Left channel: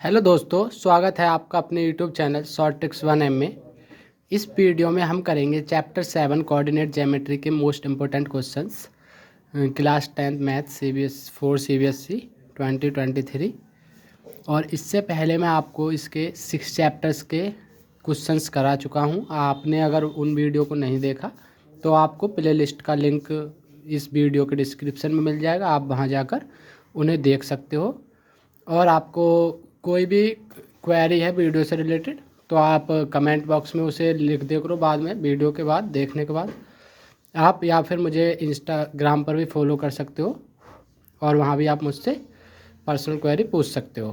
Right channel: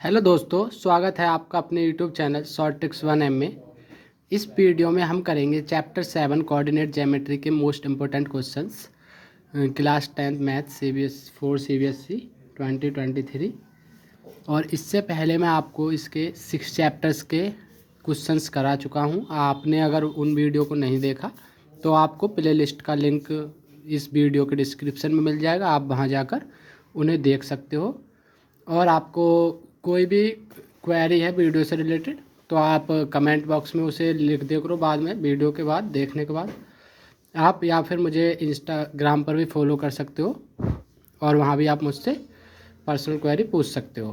Hello दोस्तों, स्वागत है आपका अपने YouTube channel short tricks 1M में। इस वीडियो में हम करेंगे चैप्टर 7 कोऑर्डिनेट ज्योमेट्री के most important questions class 10 math CBSE 2023। और इससे पहले मैं आपको इसके 6 चैप्टर्स के क्वेश्चंस करा चुका हूं। आपने अगर उन वीडियो को नहीं देखा तो आपको प्ले लिस्ट का लिंक इस वीडियो के डिस्क्रिप्शन में मिल जाएगा, आप वहां जाकर उन्हें देख सकते हो। और आपको कोई भी क्वेरी है वीडियो से रिलेटेड तो आप कमेंट बॉक्स में उसे लिख दे करो बाद में, वीडियो के बाद देखने के बाद। आप या फिर मुझे इंस्टाग्राम पर भी फॉलो कर सकते हो और वहाँ भी आप मुझसे पर्सनल क्वेरी पूछ सकते हो।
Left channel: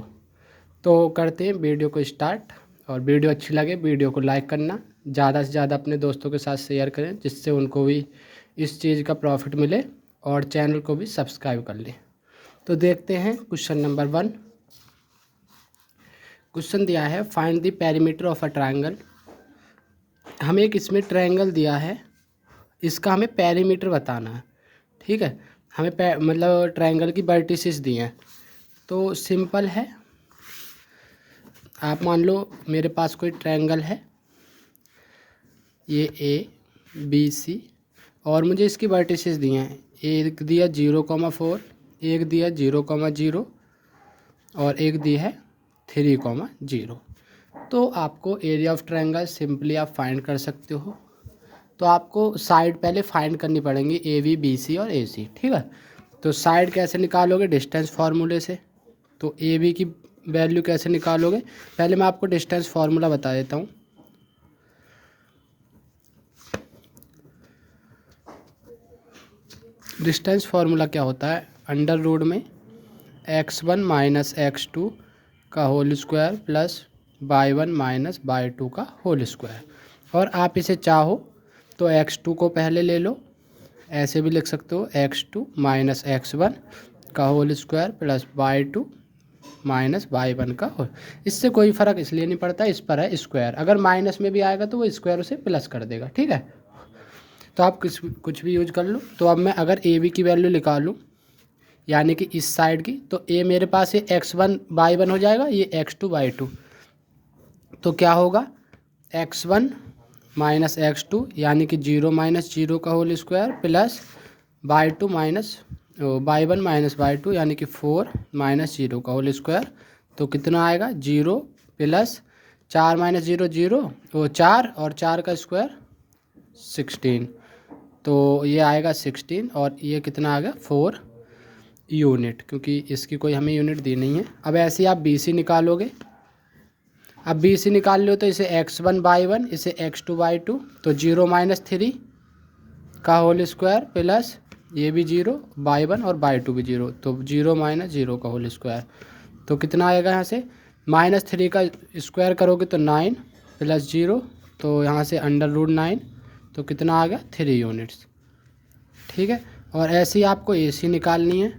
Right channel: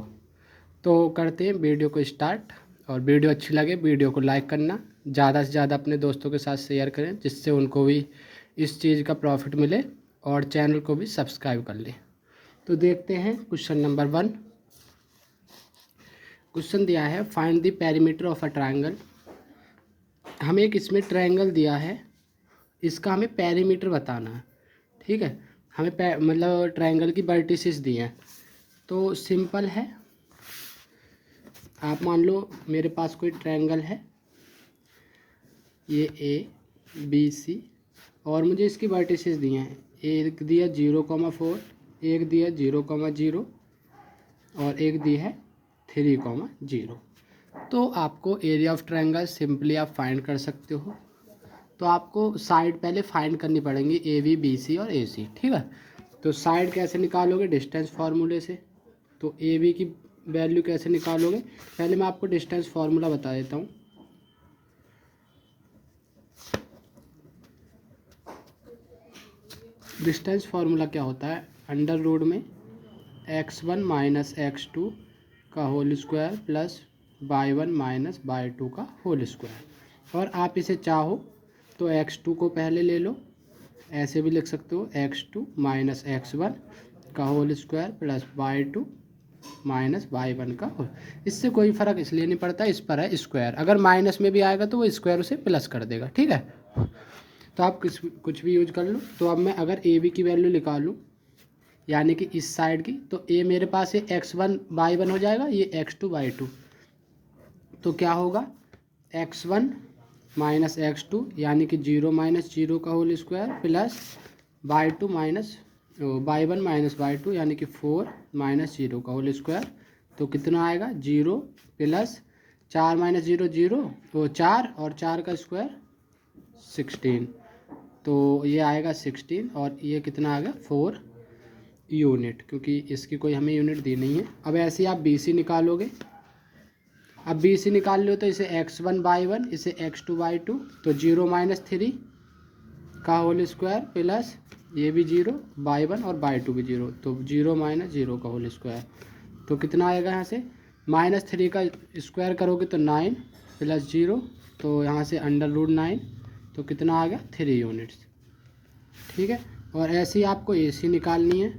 तो करते हैं वीडियो को स्टार्ट। और वीडियो अच्छी लगे वीडियो को लाइक करना, ज़्यादा से ज़्यादा अपने दोस्तों के साथ शेयर करें जिससे उनको भी इस चीज़ का प्रॉफिट मिले, और चैनल को भी सब्सक्राइब कर लें। तो देखते हैं क्वेश्चन नंबर 1। क्वेश्चन दिया है find the perimeter of a triangle. हमें एक इसमें ट्रायंगल दिया है, इसका हमें पेरीमीटर बताना है। ठीक है, हमें मतलब ट्रायंगल की वर्टिसेस दी हैं। तो सिंपल है, आप मान लो मेरे पास कोई ट्रायंगल है, ये ABC, और मुझे इसकी वर्टिसेस दी हैं। एक दिया 0,4, एक दिया 0,0 और एक दी है 3,0। तो आपको एरिया ऑफ ट्रायंगल सिंपली आप फाइंड कर सकते हो। तो आपको साइड पहले फाइंड करनी पड़ेंगी AB, BC और AC। ठीक है, तो साइड कैसे निकालोगे? डिस्टेंस फार्मूले से। तो AB की वैल्यू कैसे निकालोगे? पहले मैं आपको डिस्टेंस फार्मूला बता देता हूँ। डिस्टेंस फार्मूला क्या होता है? अंडर रूट में x1 माइनस x2 का whole square plus y1 minus y2 का होल स्क्वायर। और आप इसे चाहो तो x2 को पहले ले लो, ऐसे भी लिख सकते हो x2 माइनस x1 का whole square plus y2 minus y1 का होल। इससे कोई फ़र्क इसलिए नहीं पड़ता, इस पर है स्क्वायर, अगर माइनस में भी आएगा तो वो स्क्वायर उसे प्लस कर देगा। ठीक है, तो आप कुछ भी यूज कर लो। तो अब मैं अगर AB की वैल्यू निकालूँ यानी कि इस साइड की, तो A मेरे पास ये x1 y1 हो जाएगा, ये x2 y2। तो क्या होगा? x1 माइनस x2 यानी कि 0 माइनस 0 का whole square plus y2 minus y1 minus y2 यानी कि 4 माइनस 0 का होल स्क्वायर। तो कितना आएगा? 0 प्लस 4 माइनस 0 0, वो 4 और 4 का स्क्वायर 16। तो ये आएगा 16 और ये कितना आ गया? 4 यूनिट, क्योंकि इसकी कोई हमें यूनिट दी नहीं है। अब ऐसे ही आप BC निकालोगे। अब BC निकाल लो तो इसे x1 y1, इसे x2 y2, तो 0 माइनस 3 का होल स्क्वायर प्लस ये भी 0, y1 और y2 भी 0, तो 0 माइनस 0 का होल स्क्वायर। तो कितना आएगा? यहाँ से -3 का स्क्वायर करोगे तो 9 प्लस 0, तो यहाँ से अंडर रूट 9, तो कितना आ गया? 3 यूनिट्स। ठीक है, और ऐसे ही आपको AC निकालनी है।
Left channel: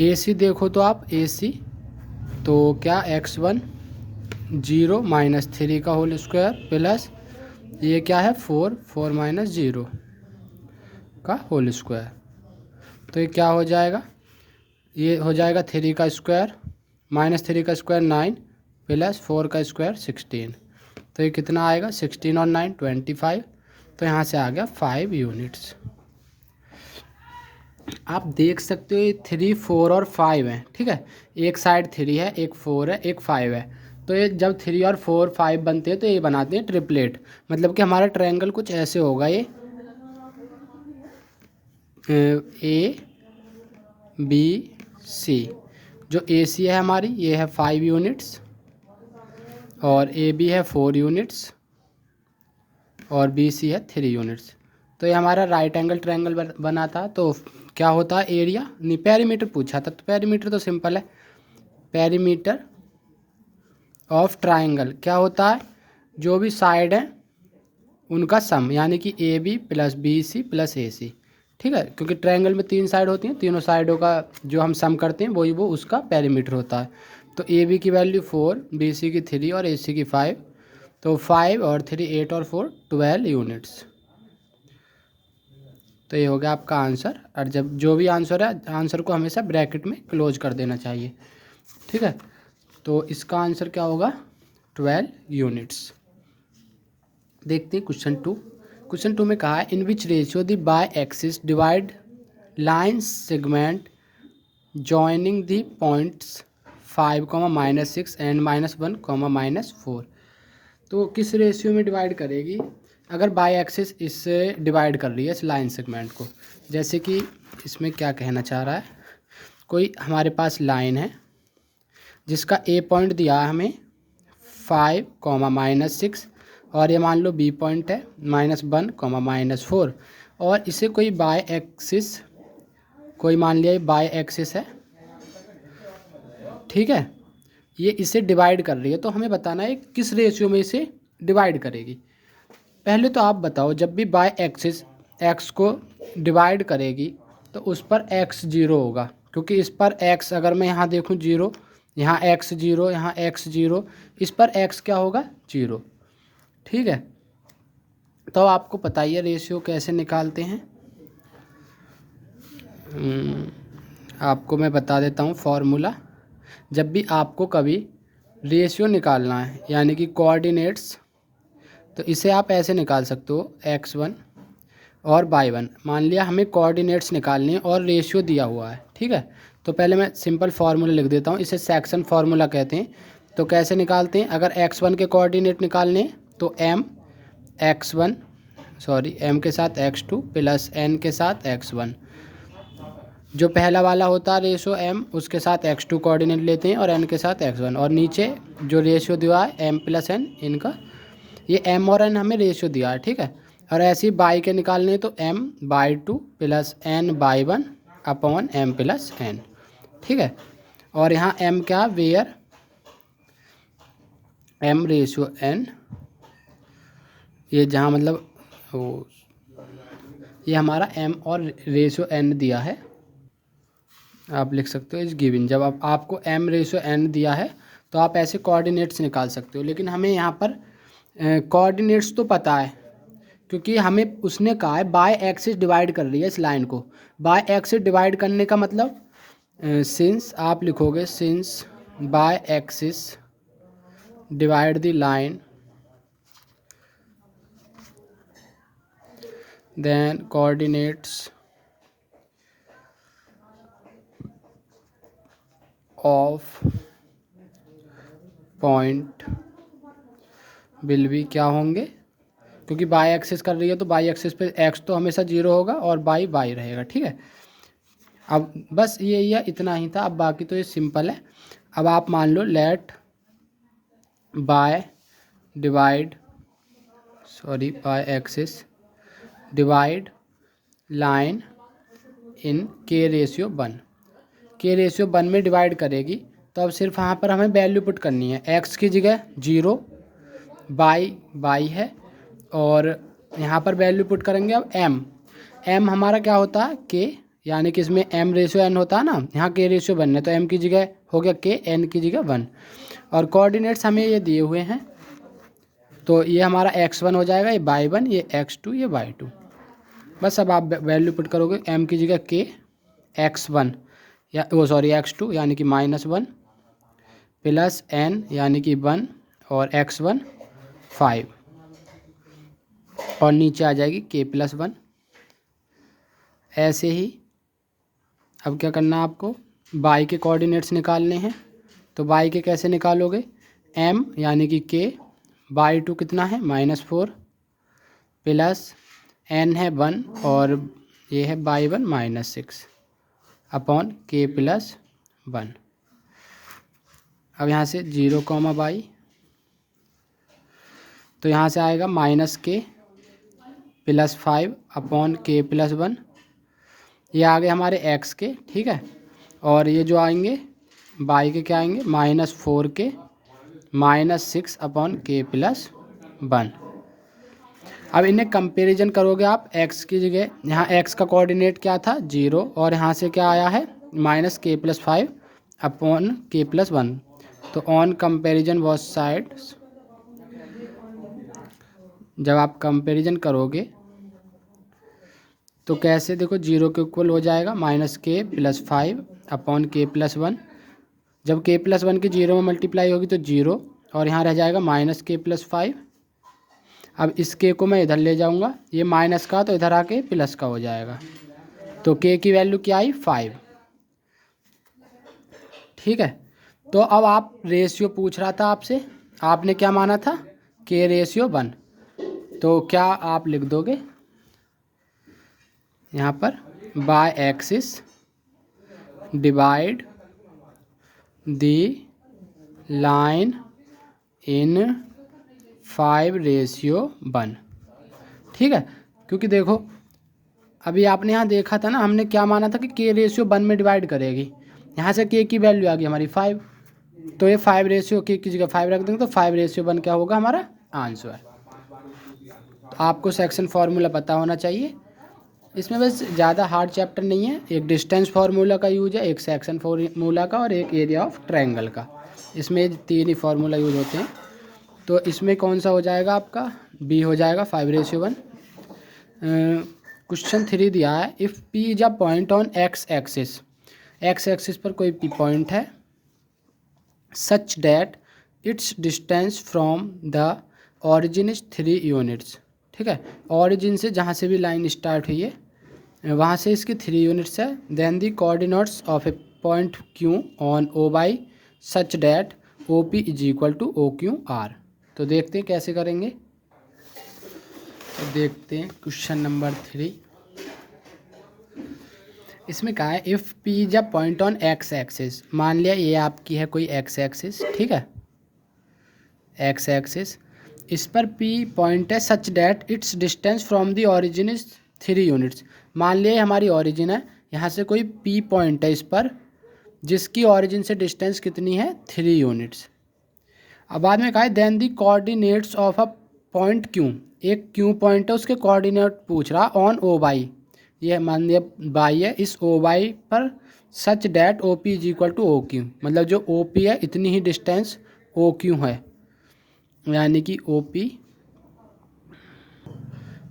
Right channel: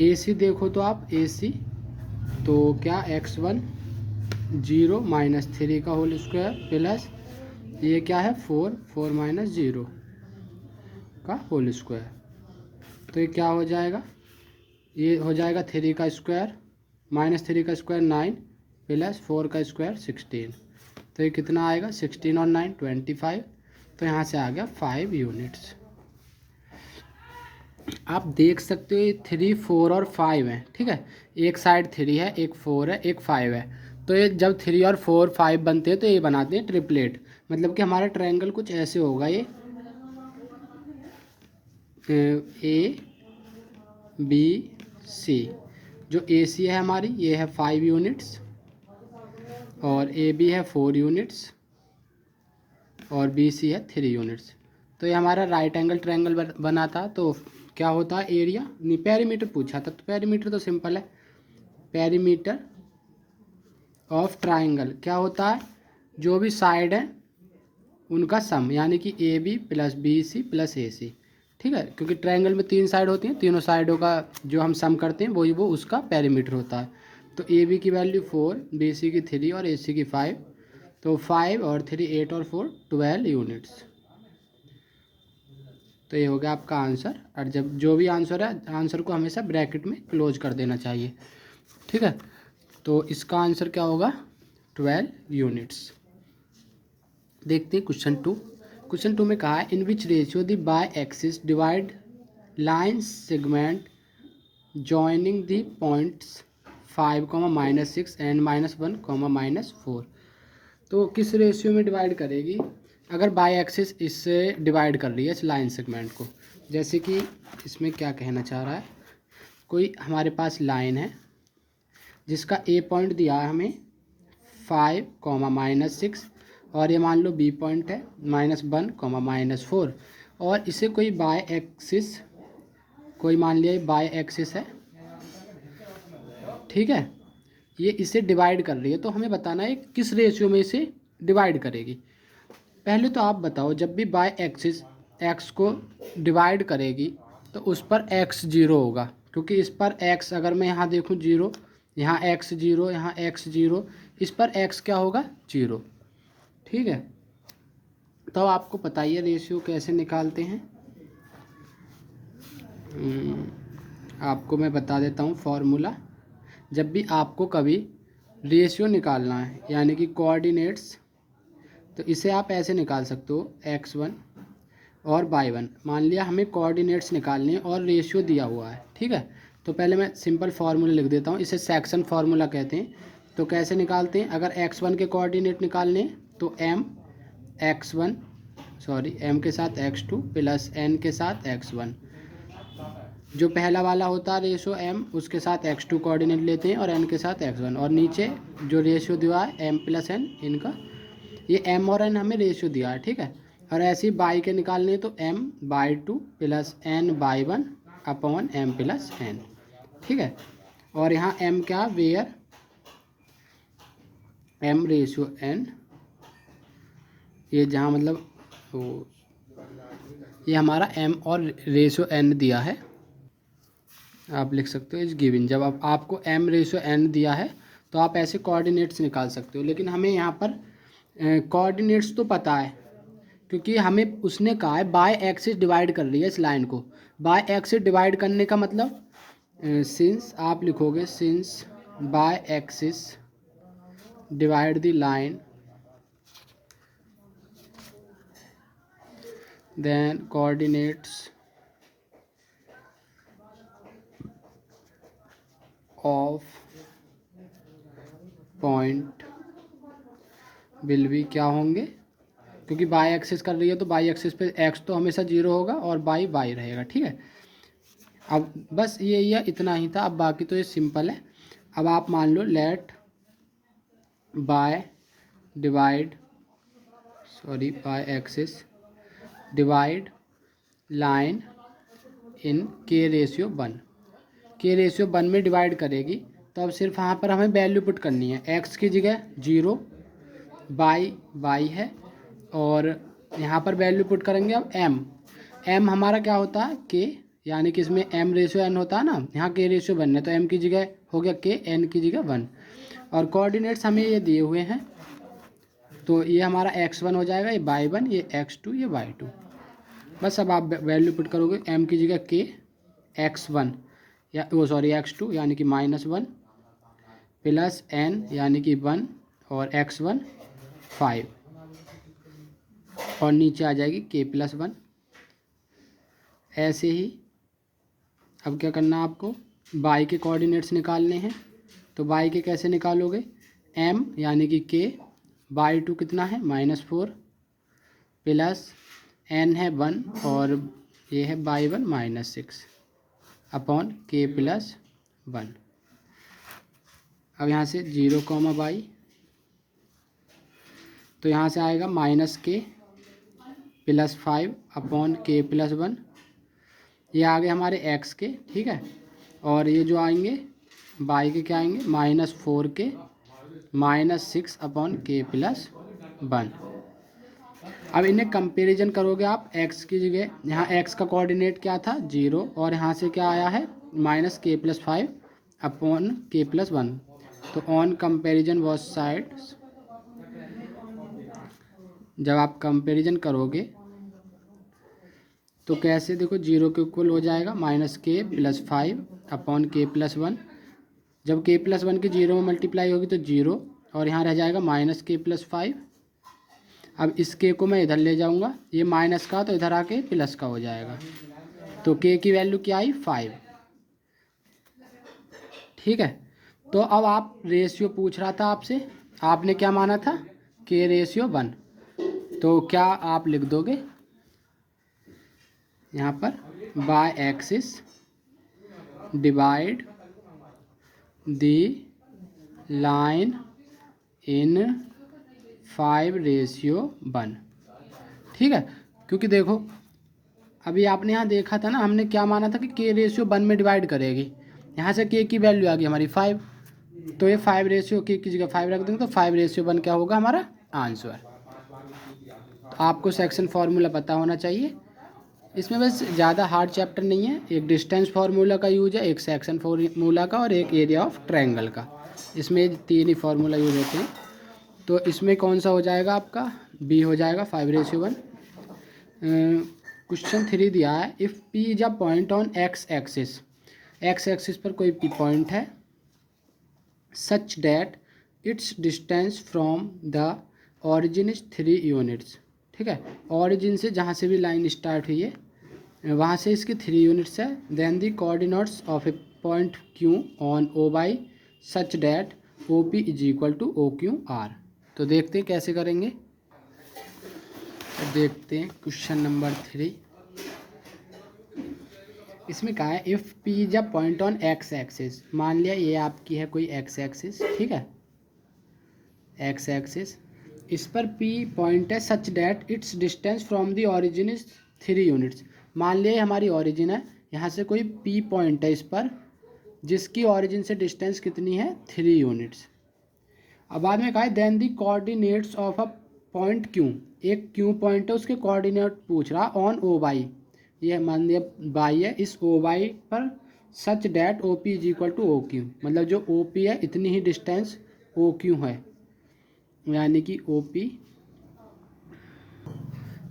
AC देखो तो आप AC तो क्या x1 0 माइनस 3 का होल स्क्वायर प्लस ये क्या है? 4 माइनस 0 का होल स्क्वायर। तो ये क्या हो जाएगा? ये हो जाएगा 3 का स्क्वायर माइनस 3 का स्क्वायर 9 प्लस 4 का स्क्वायर 16। तो ये कितना आएगा? 16 और 9 25। तो यहाँ से आ गया 5 यूनिट्स। आप देख सकते हो ये 3, 4 और 5 है। ठीक है, एक साइड 3 है, एक 4 है, एक 5 है। तो ये जब 3 और 4 5 बनते हैं तो ये बनाते हैं ट्रिपलेट। मतलब कि हमारा ट्रायंगल कुछ ऐसे होगा, ये ABC। जो AC है हमारी, ये है 5 यूनिट्स, और AB है 4 यूनिट्स, और BC है 3 यूनिट्स। तो ये हमारा राइट एंगल ट्रायंगल बना था। तो क्या होता है? एरिया नहीं, पेरीमीटर पूछा था, तो पेरीमीटर तो सिंपल है। पेरीमीटर ऑफ ट्रायंगल क्या होता है? जो भी साइड है उनका सम, यानी कि AB plus BC plus AC। ठीक है, क्योंकि ट्रायंगल में 3 साइड होती हैं, तीनों साइडों का जो हम सम करते हैं वही वो उसका पेरीमीटर होता है। तो AB की वैल्यू 4, BC की 3 और AC की 5। तो 5 और 3 8 और 4 12 यूनिट्स। तो ये हो गया आपका आंसर। और जब जो भी आंसर है, आंसर को हमेशा ब्रैकेट में क्लोज कर देना चाहिए। ठीक है, तो इसका आंसर क्या होगा 12 यूनिट्स। देखते हैं क्वेश्चन टू में कहा है in which ratio the y axis divide line segment joining the points 5, -6 and -1, -4। तो किस रेशियो में डिवाइड करेगी अगर बाय एक्सिस इससे डिवाइड कर रही है इस लाइन सेगमेंट को। जैसे कि इसमें क्या कहना चाह रहा है, कोई हमारे पास लाइन है जिसका ए पॉइंट दिया है हमें 5, -6 और ये मान लो बी पॉइंट है -1, -4 और इसे कोई बाय एक्सिस, कोई मान लिया ये बाय एक्सिस है, ठीक है, ये इसे डिवाइड कर रही है। तो हमें बताना है किस रेशियो में इसे डिवाइड करेगी। पहले तो आप बताओ, जब भी बाय एक्सिस एक्स को डिवाइड करेगी तो उस पर एक्स जीरो होगा, क्योंकि इस पर एक्स अगर मैं यहाँ देखूँ जीरो, यहाँ एक्स जीरो, यहाँ एक्स जीरो, इस पर एक्स क्या होगा जीरो, ठीक है। तो आपको पता ही है रेशियो कैसे निकालते हैं। आपको मैं बता देता हूँ फॉर्मूला। जब भी आपको कभी रेशियो निकालना है यानी कि कोऑर्डिनेट्स, तो इसे आप ऐसे निकाल सकते हो x1 और y1। मान लिया हमें कोऑर्डिनेट्स निकालने हैं और रेशियो दिया हुआ है, ठीक है। तो पहले मैं सिंपल फार्मूला लिख देता हूँ, इसे सेक्शन फार्मूला कहते हैं। तो कैसे निकालते हैं, अगर x1 के कोऑर्डिनेट निकालने तो m के साथ x2 प्लस n के साथ x1। जो पहला वाला होता है रेशियो m, उसके साथ x2 कोऑर्डिनेट लेते हैं और n के साथ x1, और नीचे जो रेशियो दिया है m प्लस n, इनका ये m और n हमें रेशियो दिया है, ठीक है। और ऐसे ही बाई के निकालने तो m/2 plus n/1 upon m plus n, ठीक है। और यहाँ m क्या, वेयर m रेशियो n, ये जहाँ मतलब वो ये हमारा m और रेशियो n दिया है, आप लिख सकते हो इस गिवन। जब आपको m रेशियो n दिया है तो आप ऐसे कोऑर्डिनेट्स निकाल सकते हो। लेकिन हमें यहाँ पर कोऑर्डिनेट्स तो पता है, क्योंकि हमें उसने कहा है बाय एक्सिस डिवाइड कर रही है इस लाइन को। बाय एक्सिस डिवाइड करने का मतलब सिंस आप लिखोगे since Y axis divide the line then coordinates of point will भी क्या होंगे, क्योंकि बाई एक्सिस कर रही है तो बाई एक्सिस पे एक्स तो हमेशा जीरो होगा और बाई वाई रहेगा, ठीक है। अब बस ये इतना ही था, अब बाकी तो ये सिंपल है। अब आप मान लो let y axis divide line in के रेशियो 1, के रेशियो 1 में डिवाइड करेगी। तो अब सिर्फ यहाँ पर हमें वैल्यू पुट करनी है, एक्स की जगह 0, बाई है, और यहाँ पर वैल्यू पुट करेंगे अब m हमारा क्या होता है के, यानी कि इसमें m रेशियो n होता है ना, यहाँ के रेशियो 1 है तो m की जगह हो गया के, n की जगह 1, और कोऑर्डिनेट्स हमें ये दिए हुए हैं। तो ये हमारा x1 हो जाएगा, ये y1, ये x2, ये y2। बस अब आप वैल्यू पुट करोगे, m की जगह के x1 या x2 यानी कि -1 प्लस n यानी कि 1 और x1 5, और नीचे आ जाएगी k प्लस 1। ऐसे ही अब क्या करना है आपको, बाई के कोऑर्डिनेट्स निकालने हैं। तो बाई के कैसे निकालोगे, m यानी कि k, बाई 2 कितना है -4 प्लस n है 1 और ये है बाई 1 -6 अपॉन k प्लस 1। अब यहाँ से 0, बाई, तो यहाँ से आएगा -k plus 5 upon k plus 1, ये आ गए हमारे x के, ठीक है। और ये जो आएंगे बाई के क्या आएंगे, -4k -6 अपॉन k प्लस 1। अब इन्हें कंपैरिजन करोगे आप, x की जगह यहाँ x का कोऑर्डिनेट क्या था 0, और यहाँ से क्या आया है -k plus 5 upon k plus 1। तो ऑन कंपैरिजन बोथ साइड्स, जब आप कंपैरिजन करोगे तो कैसे, देखो 0 के इक्वल हो जाएगा -k plus 5 upon k plus 1, जब k+1 की 0 में मल्टीप्लाई होगी तो 0, और यहाँ रह जाएगा -k+5। अब इस k को मैं इधर ले जाऊँगा, ये माइनस का तो इधर आके प्लस का हो जाएगा, तो k की वैल्यू क्या आई 5। ठीक है, तो अब आप रेशियो पूछ रहा था आपसे, आपने क्या माना था k/1, तो क्या आप लिख दोगे यहाँ पर Y axis divide the line in 5/1। ठीक है, क्योंकि देखो अभी आपने यहाँ देखा था ना, हमने क्या माना था कि k/1 में डिवाइड करेगी, यहाँ से k की वैल्यू आ गई हमारी 5, तो ये 5/k की जगह 5 रख देंगे, तो 5/1 क्या होगा हमारा आंसर। तो आपको सेक्शन फार्मूला पता होना चाहिए, इसमें बस ज़्यादा हार्ड चैप्टर नहीं है, एक डिस्टेंस फार्मूला का यूज है, एक सेक्शन फार्मूला का, और एक एरिया ऑफ ट्रायंगल का, इसमें 3 ही फार्मूला यूज होते हैं। तो इसमें कौन सा हो जाएगा आपका, बी हो जाएगा 5/1। क्वेश्चन 3 दिया है, if P is a point on x axis पर कोई पी पॉइंट है, such that it's distance from the origin is 3 units. ठीक है, ऑरिजिन से जहाँ से भी लाइन स्टार्ट हुई है वहाँ से इसकी 3 यूनिट्स है। Then the coordinates of a point Q on O Y such that O P is equal to O Q R. तो देखते हैं कैसे करेंगे, तो देखते हैं क्वेश्चन नंबर 3। इसमें कहा है if P is a point on x axis, मान लिया ये आपकी है कोई एक्स एक्सिस, ठीक है, एक्स एक्सिस, इस पर पी पॉइंट है such that it's distance from the origin is 3 units. मान लिया हमारी ओरिजिन है, यहाँ से कोई पी पॉइंट है इस पर, जिसकी ओरिजिन से डिस्टेंस कितनी है 3 यूनिट्स। अब बाद में कहा है then the coordinates of a point Q, एक क्यू पॉइंट है उसके कोऑर्डिनेट पूछ रहा ऑन ओ बाई, ये मान लिया बाई है, इस ओ बाई पर such that O P is equal to O Q, मतलब जो ओ पी है इतनी ही डिस्टेंस ओ क्यू है, यानी कि ओ पी,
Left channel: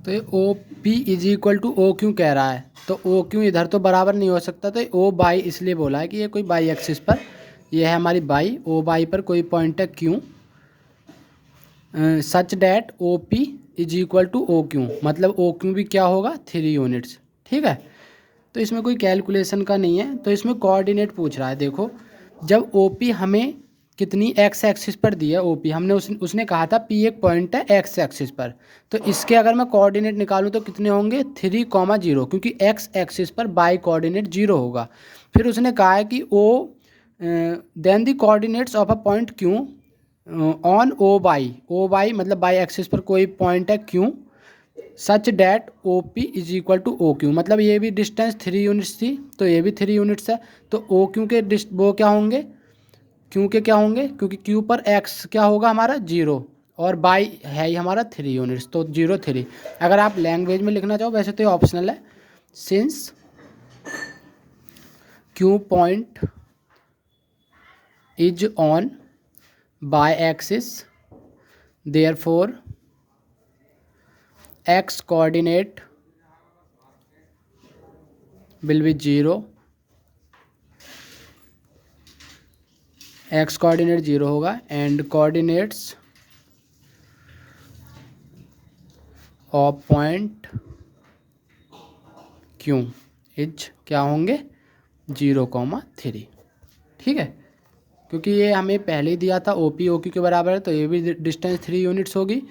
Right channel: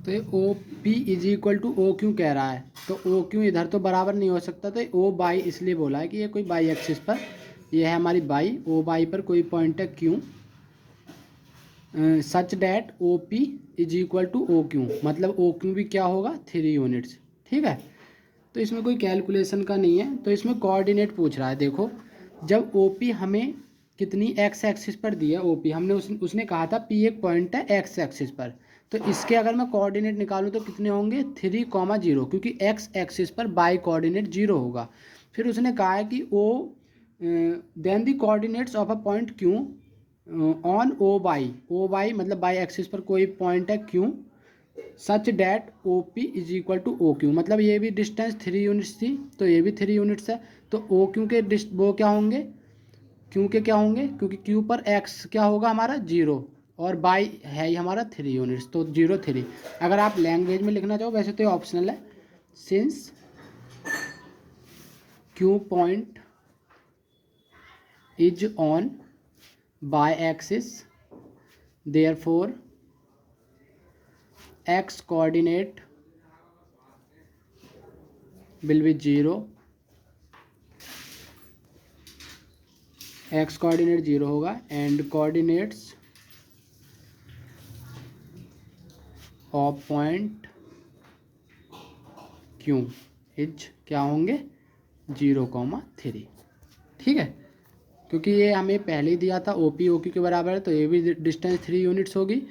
तो ये O P is equal to O Q कह रहा है, तो ओ क्यू इधर तो बराबर नहीं हो सकता, तो ओ बाई इसलिए बोला है कि ये कोई बाई एक्सिस पर, ये है हमारी बाई, ओ बाई पर कोई पॉइंट है Q, such that O P is equal to O Q, मतलब ओ क्यू भी क्या होगा 3 यूनिट्स। ठीक है, तो इसमें कोई कैलकुलेशन का नहीं है, तो इसमें कोऑर्डिनेट पूछ रहा है। देखो जब ओ पी हमें कितनी एक्स एक्सिस पर दी है, ओ पी हमने उसने कहा था पी एक पॉइंट है एक्स एक्सिस पर, तो इसके अगर मैं कोऑर्डिनेट निकालूँ तो कितने होंगे 3,0, क्योंकि एक्स एक्सिस पर बाई कोऑर्डिनेट 0 होगा। फिर उसने कहा है कि O then the coordinates of a point Q on O y मतलब बाई एक्सिस पर कोई पॉइंट है Q, such that O P is equal to O Q, मतलब ये भी डिस्टेंस 3 यूनिट्स थी तो ये भी 3 यूनिट्स है, तो ओ क्यू के वो क्या होंगे, क्यू के क्या होंगे, क्योंकि क्यू पर एक्स क्या होगा हमारा 0 और बाई है ही हमारा 3 यूनिट्स, तो 0 3। अगर आप लैंग्वेज में लिखना चाहो वैसे तो ये ऑप्शनल है, since Q point is on Y axis therefore x coordinate will be 0, x coordinate 0 होगा, and coordinates of point Q is क्या होंगे 0,3। ठीक है, क्योंकि ये हमें पहले ही दिया था ओ पी ओ क्यू के बराबर है, तो ये भी डिस्टेंस 3 यूनिट्स होगी,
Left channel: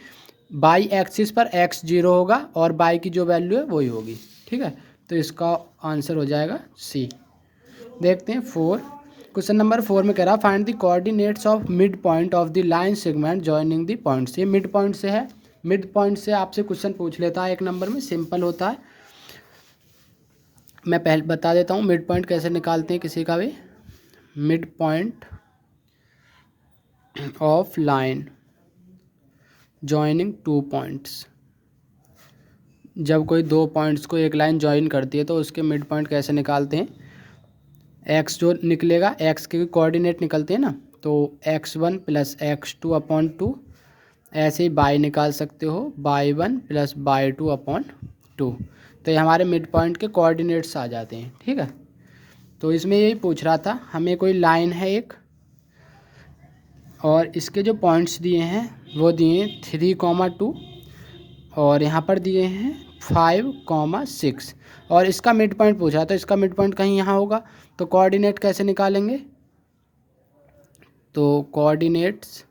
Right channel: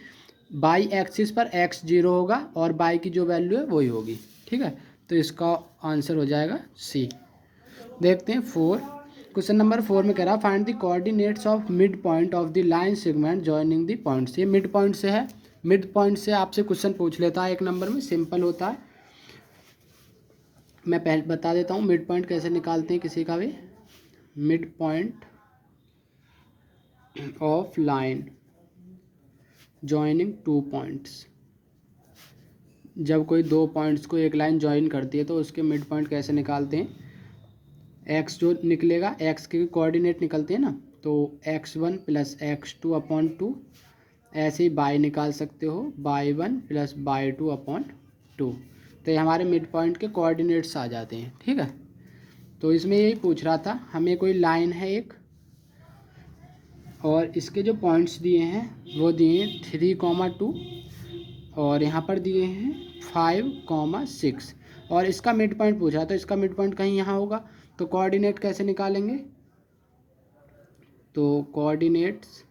बाई एक्सिस पर x 0 होगा और बाई की जो वैल्यू है वही होगी। ठीक है, तो इसका आंसर हो जाएगा सी। देखते हैं 4, क्वेश्चन नंबर 4 में कह रहा find the coordinates of mid point of the line segment joining the points. ये मिड पॉइंट से है, मिड पॉइंट से आपसे क्वेश्चन पूछ लेता है 1 नंबर में, सिंपल होता है। मैं पहले बता देता हूँ मिड पॉइंट कैसे निकालते हैं किसी का भी। Mid point of line joining 2 points, जब कोई 2 पॉइंट्स को एक लाइन जॉइन करती है तो उसके मिड पॉइंट कैसे निकालते हैं। एक्स जो निकलेगा, एक्स के कोऑर्डिनेट निकलते हैं ना, तो x1 प्लस x2 अपॉन 2, ऐसे ही बाई निकाल सकते हो, y1 प्लस y2 अपॉन 2, तो ये हमारे मिड पॉइंट के कोऑर्डिनेट्स आ जाते हैं। ठीक है, तो इसमें यही पूछ रहा था, हमें कोई लाइन है एक, और इसके जो पॉइंट्स दिए हैं वो दिए 3,2 और यहाँ पर दिए हैं 5,6 और इसका मिड पॉइंट पूछा तो इसका मिड पॉइंट कहीं यहाँ होगा। तो कोऑर्डिनेट कैसे निकालेंगे? तो कोऑर्डिनेट्स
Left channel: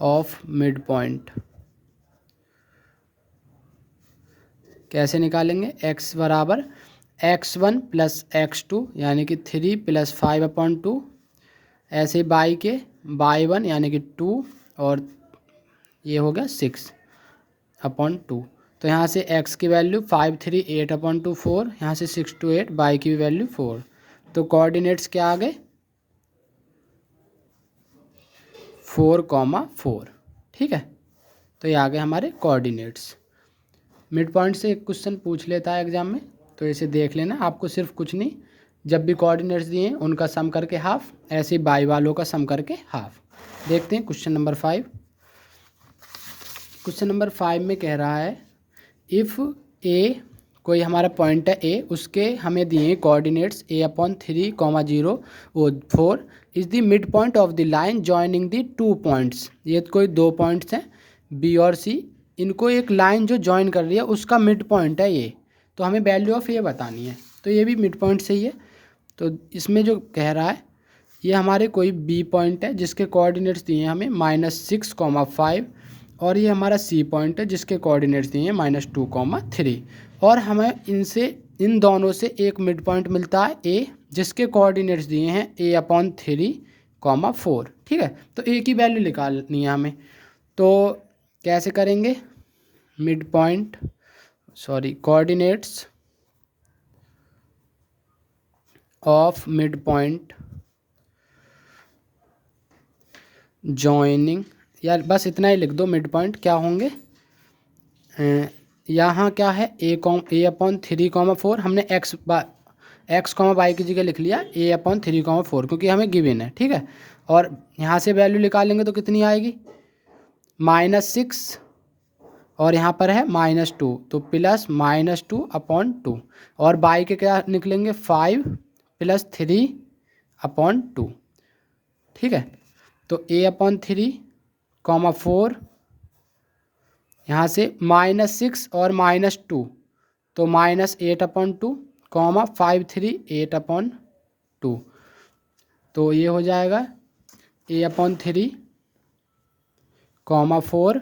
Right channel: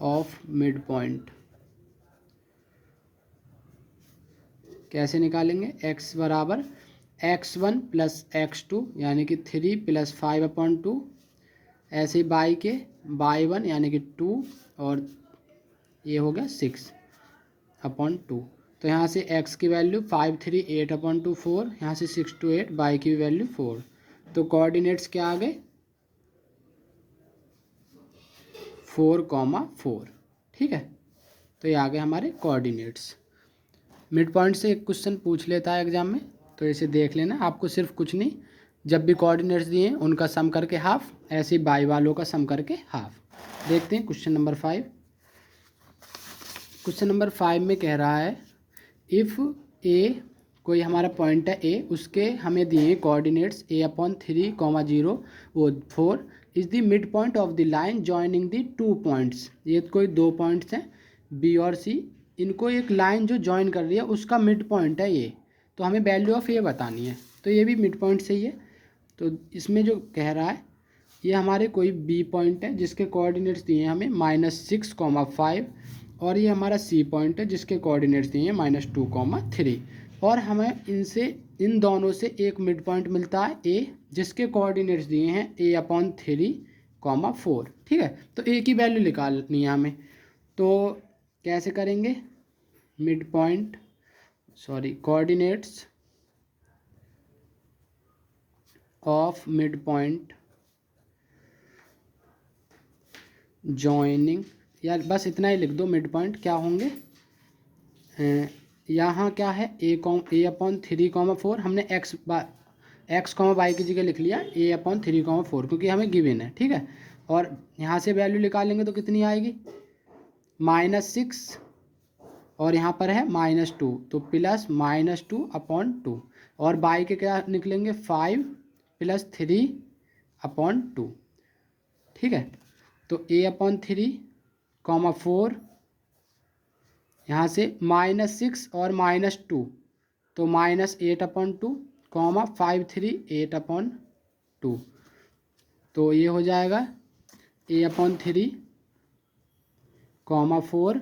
ऑफ मिड पॉइंट कैसे निकालेंगे? x बराबर x1 प्लस x2 यानी कि 3 प्लस 5/2, ऐसे y1 यानी कि 2 और ये हो गया 6/2। तो यहाँ से x की वैल्यू 5 3 8/2 4, यहाँ से 6 to 8, y की वैल्यू 4। तो कोऑर्डिनेट्स क्या आ गए? 4,4। ठीक है, तो ये आ गए हमारे कोऑर्डिनेट्स। मिड पॉइंट से एक क्वेश्चन पूछ लेता है एग्जाम में, तो इसे देख लेना। आपको सिर्फ कुछ नहीं, जब भी कोऑर्डिनेट्स दिए हैं उनका सम करके हाफ, ऐसे बाई वालों का सम करके हाफ। देखते हैं क्वेश्चन नंबर 5। क्वेश्चन नंबर 5 में कह रहा है इफ़ ए, कोई हमारा पॉइंट है ए, उसके हमें दिए coordinates a/3, 0, 4 is the mid point of the line joining the 2 points. ये कोई 2 पॉइंट्स हैं बी और सी, इनको एक लाइन जो जॉइन कर रही है उसका मिड पॉइंट है ये। तो हमें वैल्यू ऑफ ए बतानी है, तो ये भी मिड पॉइंट से ही है। तो इसमें जो कह रहा है ये हमारे कोई बी पॉइंट है जिसके कोऑर्डिनेट्स दिए हैं हमें -6,5 और ये हमारा सी पॉइंट है जिसके कोऑर्डिनेट्स दिए हैं -2,3 और हमें इनसे इन दोनों से एक मिड पॉइंट मिलता है ए जिसके कोऑर्डिनेट्स दिए हैं a/3,4। ठीक है, तो ए की वैल्यू निकालनी है हमें। तो कैसे करेंगे? Mid point coordinates of mid point joining, यार बस इतना ही लिख दो। मिड पॉइंट क्या होंगे? यहाँ क्या है a/3,4, हमने x y की जगह लिख लिया a/3,4 क्योंकि हमें गिवन है। ठीक है, और यहाँ से वैल्यू निकालेंगे तो कितनी आएगी? -6 और यहाँ पर है -2, तो प्लस -2/2 और बाई के क्या निकलेंगे? 5 + 3/2। ठीक है, तो a/3,4 यहाँ से -6 और -2 तो -8/2, 5 3 8/2, तो ये हो जाएगा a/3,4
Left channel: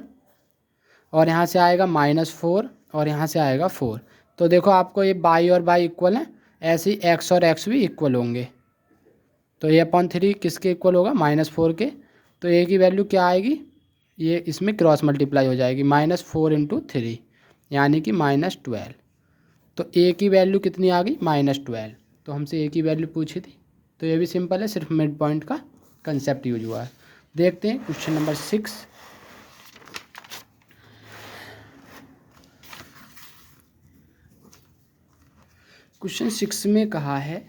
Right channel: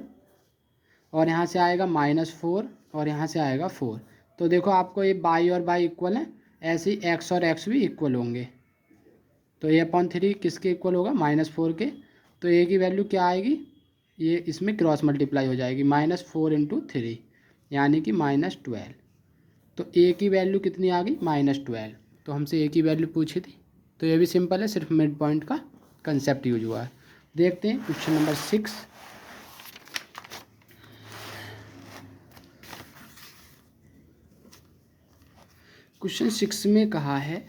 और यहाँ से आएगा -4 और यहाँ से आएगा 4। तो देखो आपको ये बाई और बाई इक्वल है, ऐसे ही x और x भी इक्वल होंगे। तो a/3 किसके इक्वल होगा? -4 के। तो a की वैल्यू क्या आएगी? ये इसमें क्रॉस मल्टीप्लाई हो जाएगी, -4 × 3 यानी कि -12। तो a की वैल्यू कितनी आ गई? -12। तो हमसे a की वैल्यू पूछी थी, तो ये भी सिंपल है, सिर्फ मिड पॉइंट का कंसेप्ट यूज हुआ है। देखते हैं क्वेश्चन नंबर 6। क्वेश्चन 6 में कहा है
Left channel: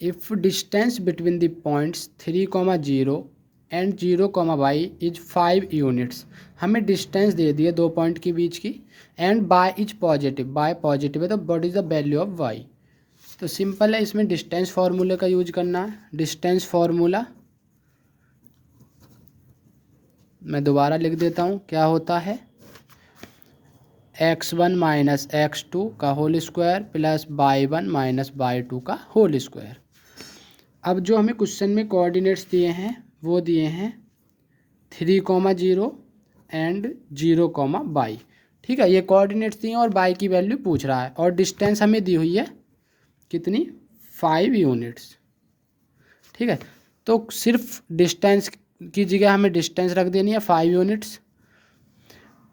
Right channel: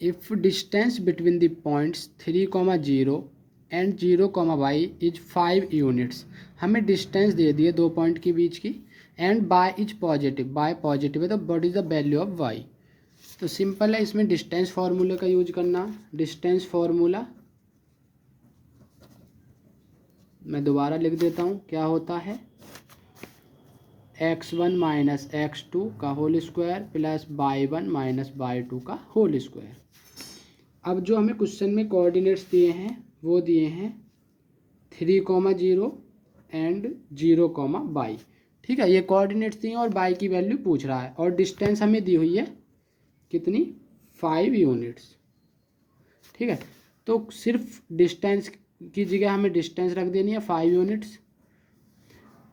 if distance between the points 3,0 and 0,y is 5 units. हमें डिस्टेंस दे दिए 2 पॉइंट के बीच की, and y is positive, y positive है तो what is the value of y। तो सिंपल है, इसमें डिस्टेंस फार्मूले का यूज करना है। डिस्टेंस फार्मूला मैं दोबारा लिख देता हूँ, क्या होता है? x1 - x2 का whole square plus y1 - y2 का होल स्क्वायर। अब जो हमें क्वेश्चन में कोऑर्डिनेट्स दिए हैं वो दिए हैं 3,0 एंड 0,y। ठीक है, ये कोऑर्डिनेट्स दिए हैं और y की वैल्यू पूछ रहा है, और डिस्टेंस हमें दी हुई है कितनी? 5 यूनिट्स। ठीक है, तो सिर्फ डिस्टेंस की जगह हमें डिस्टेंस रख देनी है 5 यूनिट्स।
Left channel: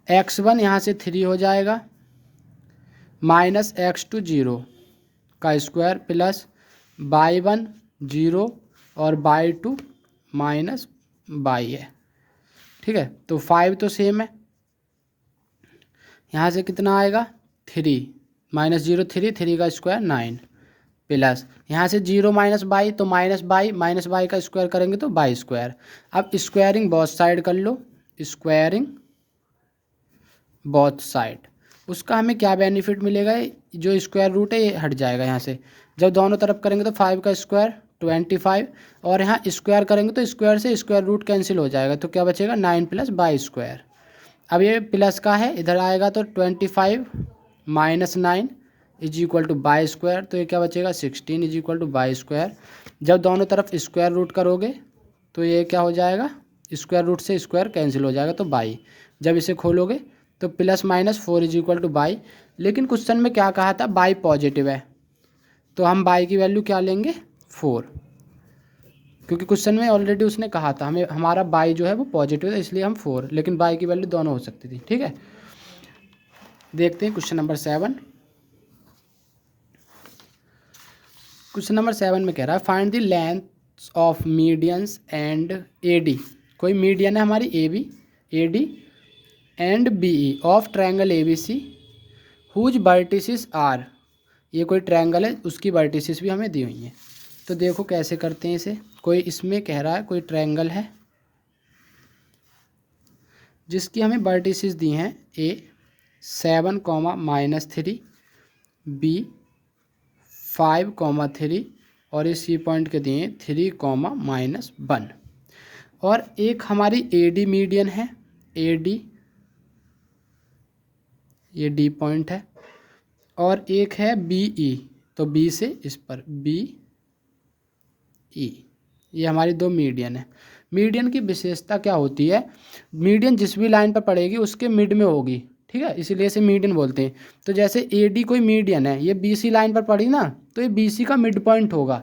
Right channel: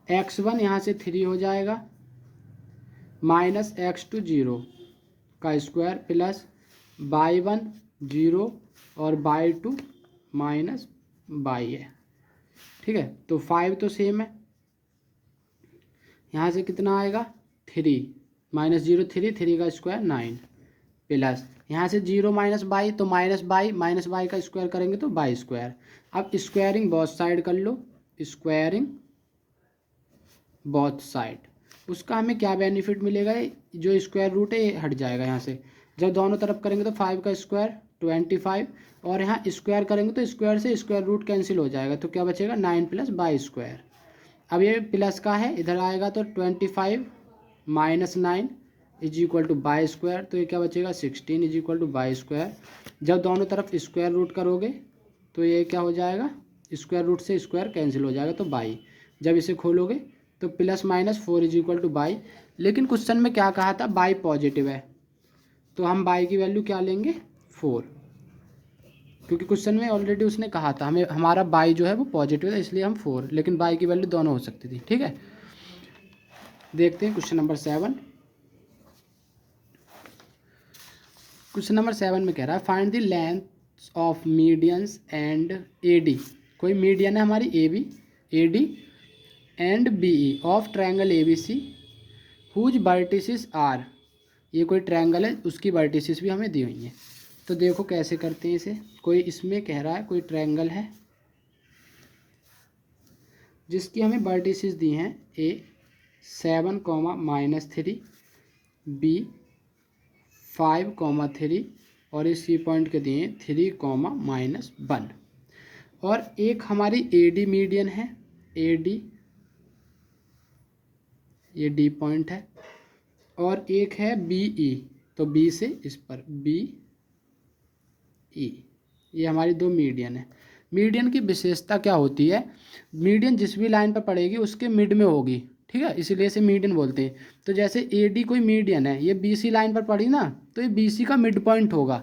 x1 यहाँ से 3 हो जाएगा, -x2 0 का स्क्वायर प्लस y1 0 और y2 -y है। ठीक है, तो 5 तो सेम है, यहाँ से कितना आएगा? 3 -0 3 का स्क्वायर 9 प्लस यहाँ से 0 -y तो -y का स्क्वायर करेंगे तो y स्क्वायर। अब स्क्वायरिंग बोथ साइड कर लो, स्क्वायरिंग बोथ साइड, उसका हमें क्या बेनिफिट मिलेगा? जो स्क्वायर रूट है ये हट जाएगा यहाँ से, जब दोनों तरफ करेंगे तो 5 का स्क्वायर 25 और यहाँ स्क्वायर करेंगे तो स्क्वायर से स्क्वायर रूट कैंसिल हो जाएगा, तो क्या बचेगा 9 प्लस बाई स्क्वायर। अब ये प्लस का है, इधर आएगा तो 25 minus 9 is equal two by square, तो ये क्या बचेगा 16 is equal two by square. जब दोनों तरफ स्क्वायर रूट करोगे तो ये क्या हो जाएगा, स्क्वायर रूट से स्क्वायर कैंसिल हो जाएगा तो बाई। जब इसे खोलोगे तो plus minus 4 is equal two by. लेकिन क्वेश्चन में क्या कहा था, बाई पॉजिटिव है, तो हम बाई की वैल्यू क्या लेंगे 4, क्योंकि क्वेश्चन में ऑलरेडी उसने कहा था हमें हमारा बाई जो है वो पॉजिटिव है, इसलिए हम 4, लेकिन बाई की वैल्यू दोनों हो सकती थी। ठीक है, देखते हैं क्वेश्चन नंबर 7। क्वेश्चन नंबर 7 में कह रहा है find the length of medians and A D. कोई मीडियन है हमारी A B, A D and B E of triangle A B C whose vertices are. ये कोई ट्रायंगल है, उसकी वर्टिसेस भी हमें दी हुई हैं। तो देखो कैसे करते हैं इसे। कोई इसमें कह रहा है कोई ट्रायंगल है जिसकी हमें वर्टिसेस दी हैं ए 7, -3, बी 5, 3 और ये सी पॉइंट के दिए 3, -1। और एक हमारी ए डी मीडियन है, ए डी ये डी पॉइंट है, और एक है बी ई, तो बी से इस पर बी ई, ये हमारी दो मीडियन है। मीडियन की विशेषता क्या होती है, मीडियन जिस भी लाइन पर पड़ेगी उसके मिड में होगी, ठीक है, इसीलिए इसे मीडियन बोलते हैं। तो जैसे ए डी कोई मीडियन है, ये बी सी लाइन पर पड़ी ना, तो ये बी सी का मिड पॉइंट होगा।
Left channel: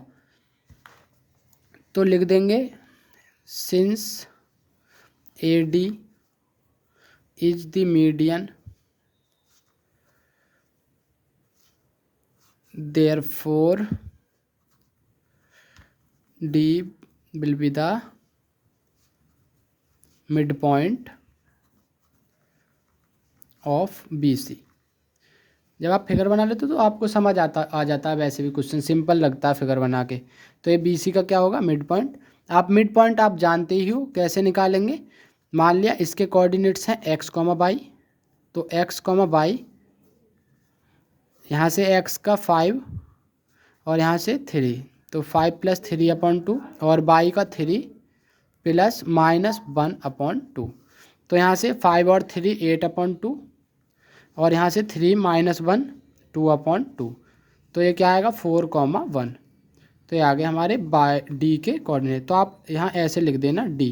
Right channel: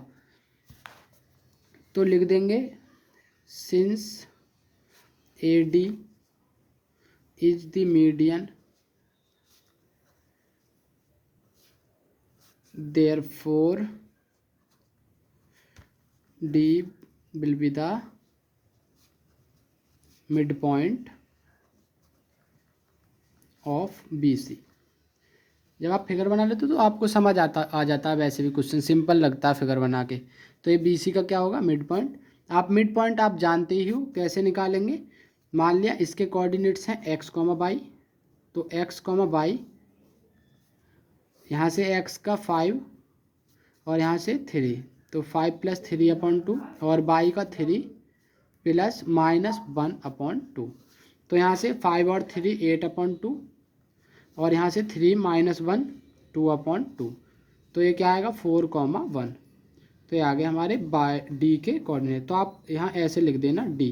तो लिख देंगे since A D is the median therefore D will be the midpoint of BC। जब आप फिगर बना लेते हो तो आपको समझ आ जाता है, वैसे भी क्वेश्चन सिंपल लगता है फिगर बना के। तो ये BC का क्या होगा मिड पॉइंट। आप मिड पॉइंट आप जानते ही हो, कैसे निकालेंगे। मान लिया इसके कोऑर्डिनेट्स हैं x, y, तो x, y यहाँ से x का 5 और यहाँ से 3, तो 5 + 3/2 और y का 3 + -1/2। तो यहाँ से 5 और 3 8/2 और यहाँ से 3 - 1 2/2। तो ये क्या आएगा 4, 1। तो ये आ गए हमारे डी के कोऑर्डिनेट। तो आप यहाँ ऐसे लिख देना डी,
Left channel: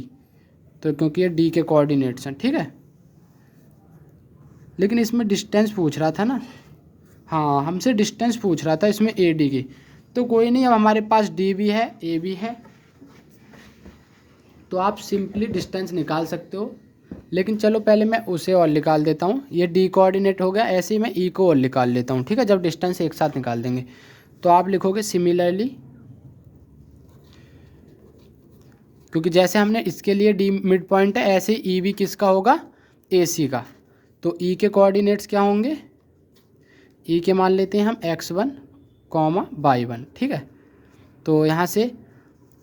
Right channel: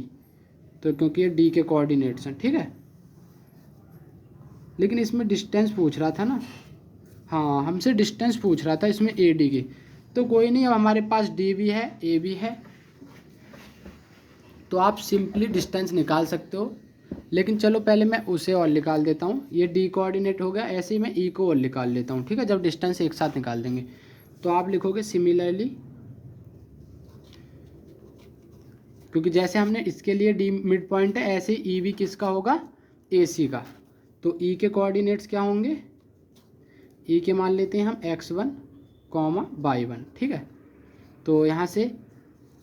तो क्योंकि ये डी के कोऑर्डिनेट्स हैं, ठीक है। लेकिन इसमें डिस्टेंस पूछ रहा था ना, हाँ हमसे डिस्टेंस पूछ रहा था इसमें ए डी की। तो कोई नहीं, अब हमारे पास डी भी है ए भी है, तो आप सिंपली डिस्टेंस निकाल सकते हो। लेकिन चलो पहले मैं उसे और निकाल देता हूँ। ये डी कोऑर्डिनेट हो गया, ऐसे ही मैं ई को और निकाल लेता हूँ, ठीक है, जब डिस्टेंस एक साथ निकाल देंगे। तो आप लिखोगे सिमिलरली, क्योंकि जैसे हमने इसके लिए डी मिड पॉइंट है, ऐसे ई भी किसका होगा ए सी का। तो ई के कोऑर्डिनेट्स क्या होंगे, ई के मान लेते हैं हम x1, y1, ठीक है। तो यहाँ से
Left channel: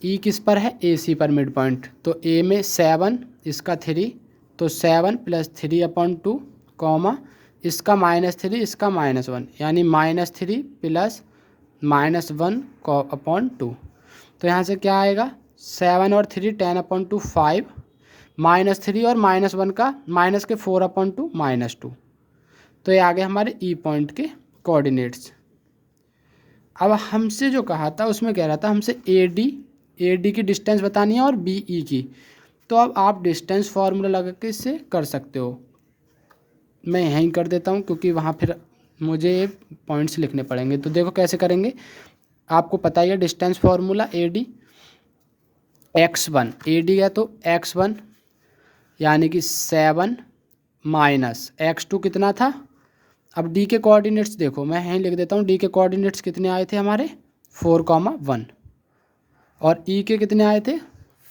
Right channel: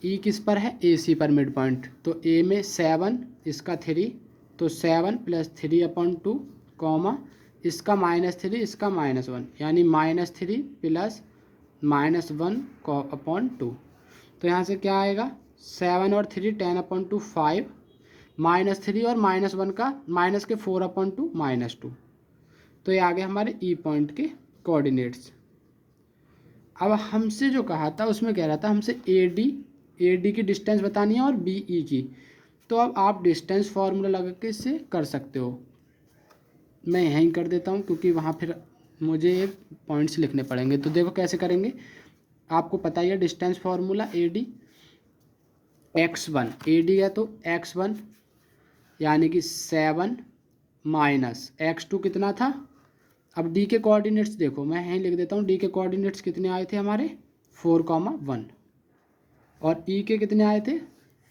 ई किस पर है ए सी पर मिड पॉइंट, तो ए में 7 इसका 3, तो 7 + 3/2, इसका -3 इसका -1, यानी -3 + -1/2। तो यहाँ से क्या आएगा 7 और 3 10/2 5, -3 और -1 का माइनस के 4/2 -2। तो ये आ गए हमारे ई पॉइंट के कोऑर्डिनेट्स। अब हमसे जो कहा था उसमें कह रहा था हमसे ए डी की डिस्टेंस बतानी है और बी ई की। तो अब आप डिस्टेंस फार्मूला लगा के इससे कर सकते हो। मैं यहीं कर देता हूँ क्योंकि वहाँ फिर मुझे पॉइंट्स लिखने पड़ेंगे। तो देखो कैसे करेंगे, आपको पता ही है distance formula A D x1, A D है तो x1 यानी कि 7 - x2 कितना था। अब डी के कोऑर्डिनेट्स देखो, मैं यहीं लिख देता हूँ। डी के कोऑर्डिनेट्स कितने आए थे हमारे 4, 1 और ई के कितने आए थे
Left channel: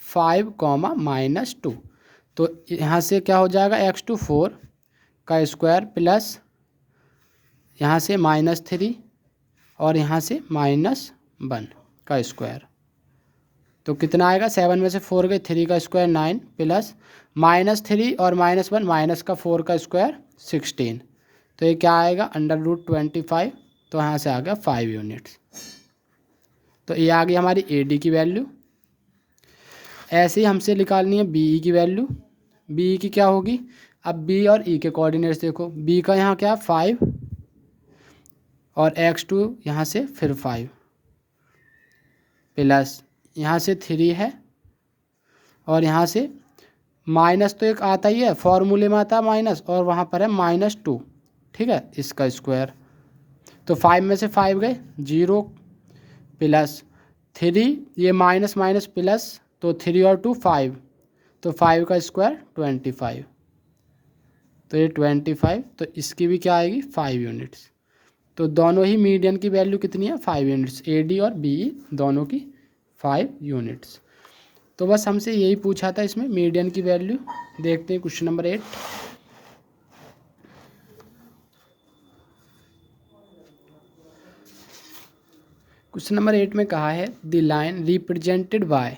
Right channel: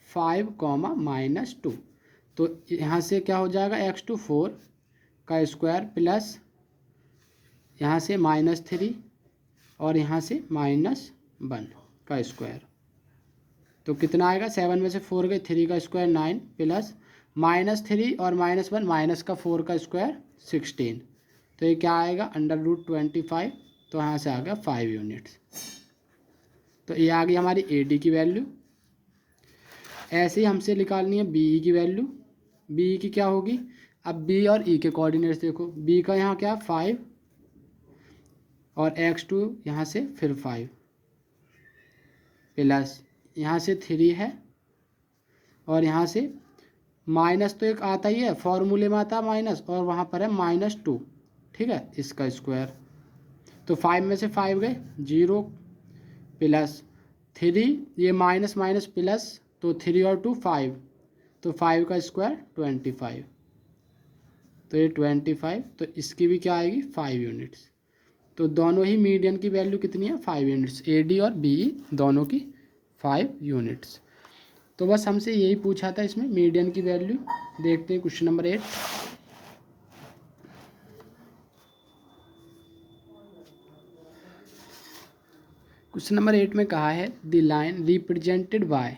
5, -2। तो यहाँ से क्या हो जाएगा x2 4 का स्क्वायर प्लस यहाँ से -3 और यहाँ से -1 का स्क्वायर। तो कितना आएगा 7 में से 4 गए 3 का स्क्वायर 9 प्लस -3 और -1 माइनस का 4 का स्क्वायर 16। तो ये क्या आएगा √25। तो यहाँ से आ गया 5 यूनिट्स। तो ये आ गई हमारी ए डी की वैल्यू। ऐसे ही हमसे निकालनी है बी ई की वैल्यू। बी ई की क्या होगी, अब बी और ई के कोऑर्डिनेट्स देखो, बी का यहाँ क्या 5 और x2 यहाँ से फिर 5 प्लस यहाँ से 3 है और यहाँ से माइनस तो एक आता ही है, फॉर्मूले में आता है माइनस, और वहाँ पर है -2, ठीक है, इसका स्क्वायर। तो 5 में से 5 गए 0 प्लस 3, ये माइनस माइनस प्लस, तो 3 और 2 5, तो 5 का स्क्वायर 25, तो ये 25, तो इसकी भी क्या आएगी 5 यूनिट्स। तो दोनों ही मीडियन की वैल्यू कितनी है 5 यूनिट्स, ए डी और बी ई दोनों की 5 यूनिट्स। तो बस हमसे यही पूछा था इसमें मीडियन की वैल्यू। देखते हैं क्वेश्चन नंबर 8। क्वेश्चन नंबर 8 में कहा है द लाइन रिप्रेजेंटेड बाय,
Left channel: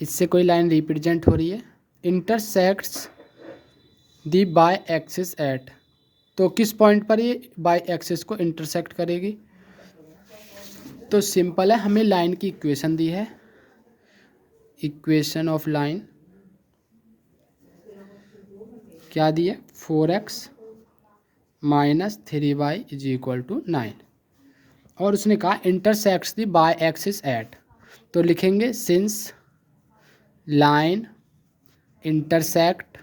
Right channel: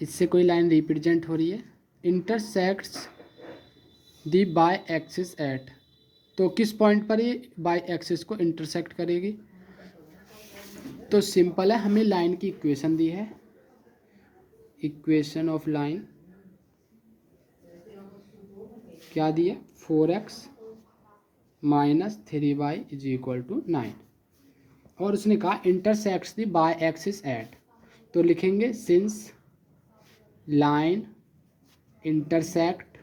इससे कोई लाइन रिप्रेजेंट हो रही है, intersects the y axis at, तो किस पॉइंट पर ये बाय एक्सिस को इंटरसेक्ट करेगी। तो सिंपल है, हमें लाइन की इक्वेशन दी है, इक्वेशन ऑफ लाइन क्या दी है 4x - 3y = 9, और उसने कहा intersects the y axis at, तो लिखेंगे since line intersect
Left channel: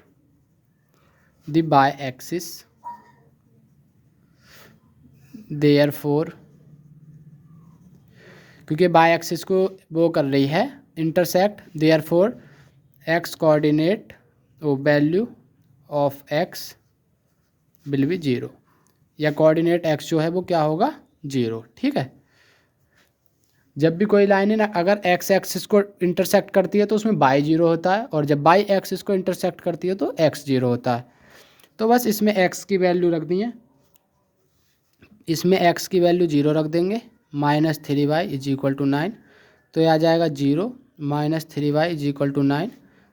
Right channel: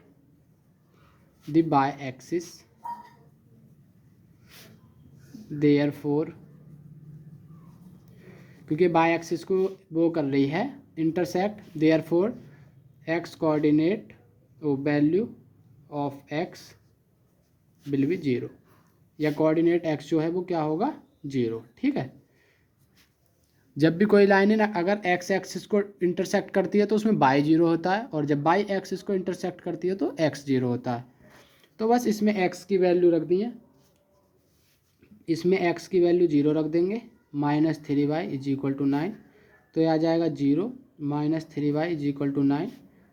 the y axis therefore, क्योंकि बाय एक्सिस को वो कर रही है intersect, therefore x coordinate value of x will be 0, या कोऑर्डिनेट एक्स जो है वो क्या होगा 0, ठीक है। जब भी कोई लाइन है ना, अगर एक्स एक्सिस को इंटरसेक्ट करती है तो उसमें बाई 0 होता है, और जब बाई एक्सिस को इंटरसेक्ट करती है तो एक्स 0 होता है। तो बस इसमें एक्स की वैल्यू रख दी है, इसमें एक्स की वैल्यू 0 रख देंगे, -3y = 9, तो ये आ जाएगा 0 - 3y = 9,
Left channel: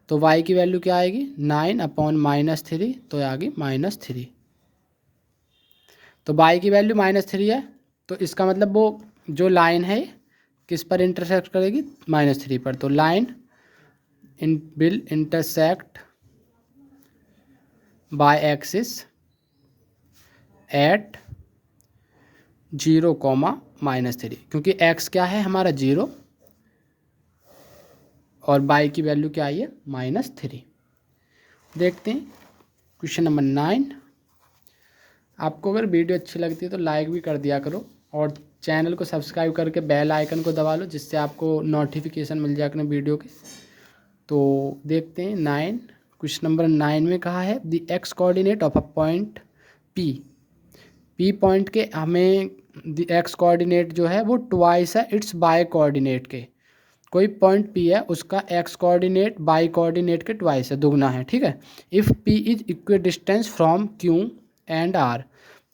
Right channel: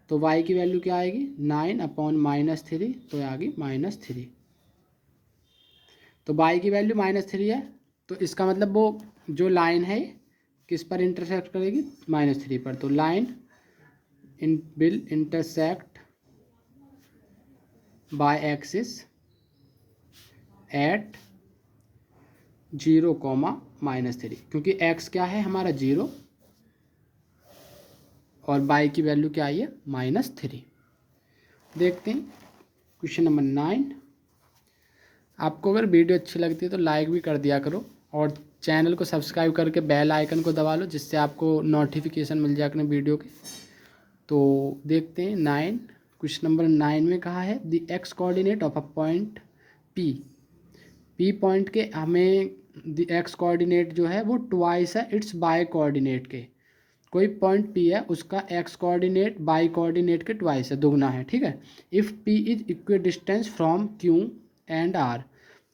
तो y की वैल्यू क्या आएगी 9/-3, तो ये आ गई -3। तो y की वैल्यू -3 है, तो इसका मतलब वो जो लाइन है किस पर इंटरसेक्ट करेगी -3 पर, तो line will intersect y axis at 0, -3, क्योंकि x क्या है हमारा 0 और y की वैल्यू क्या आई है -3। देखते हैं क्वेश्चन नंबर 9। आपको अगर वीडियो अच्छी लगती है तो लाइक भी कर दिया करो, और चैनल को सब्सक्राइब करके बेल आइकन को दबा लो, जिससे आपको नोटिफिकेशन मिल जाए अपने वीडियो के। तो देखते हैं 9, क्वेश्चन नंबर 9 में कहा है the x coordinate of a point P point के हमें द एक्स कोऑर्डिनेट जो है वो ट्वाइस है इट्स बाय कोऑर्डिनेट के। कोई पॉइंट पी है उसका एक्स कोऑर्डिनेट बाई कोऑर्डिनेट के ट्वाइस है, दुगना है, ठीक है। If P is equidistant from Q and R,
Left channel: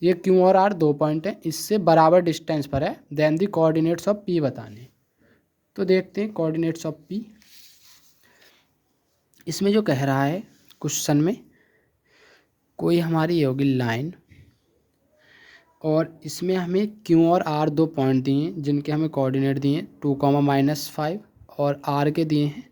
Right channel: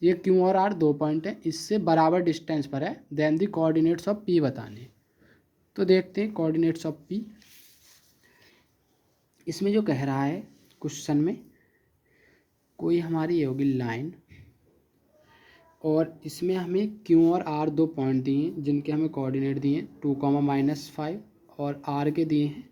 ये क्यू और आर 2 पॉइंट हैं, इससे बराबर डिस्टेंस पर है, then the coordinates of P बताने। तो देखते हैं कोऑर्डिनेट्स ऑफ पी। इसमें जो कह रहा है क्वेश्चन में, कोई हमारी ये होगी लाइन, और इसमें हमें क्यू और आर 2 पॉइंट दिए हैं जिनके हमें कोऑर्डिनेट दिए हैं 2, -5, और आर के दिए हैं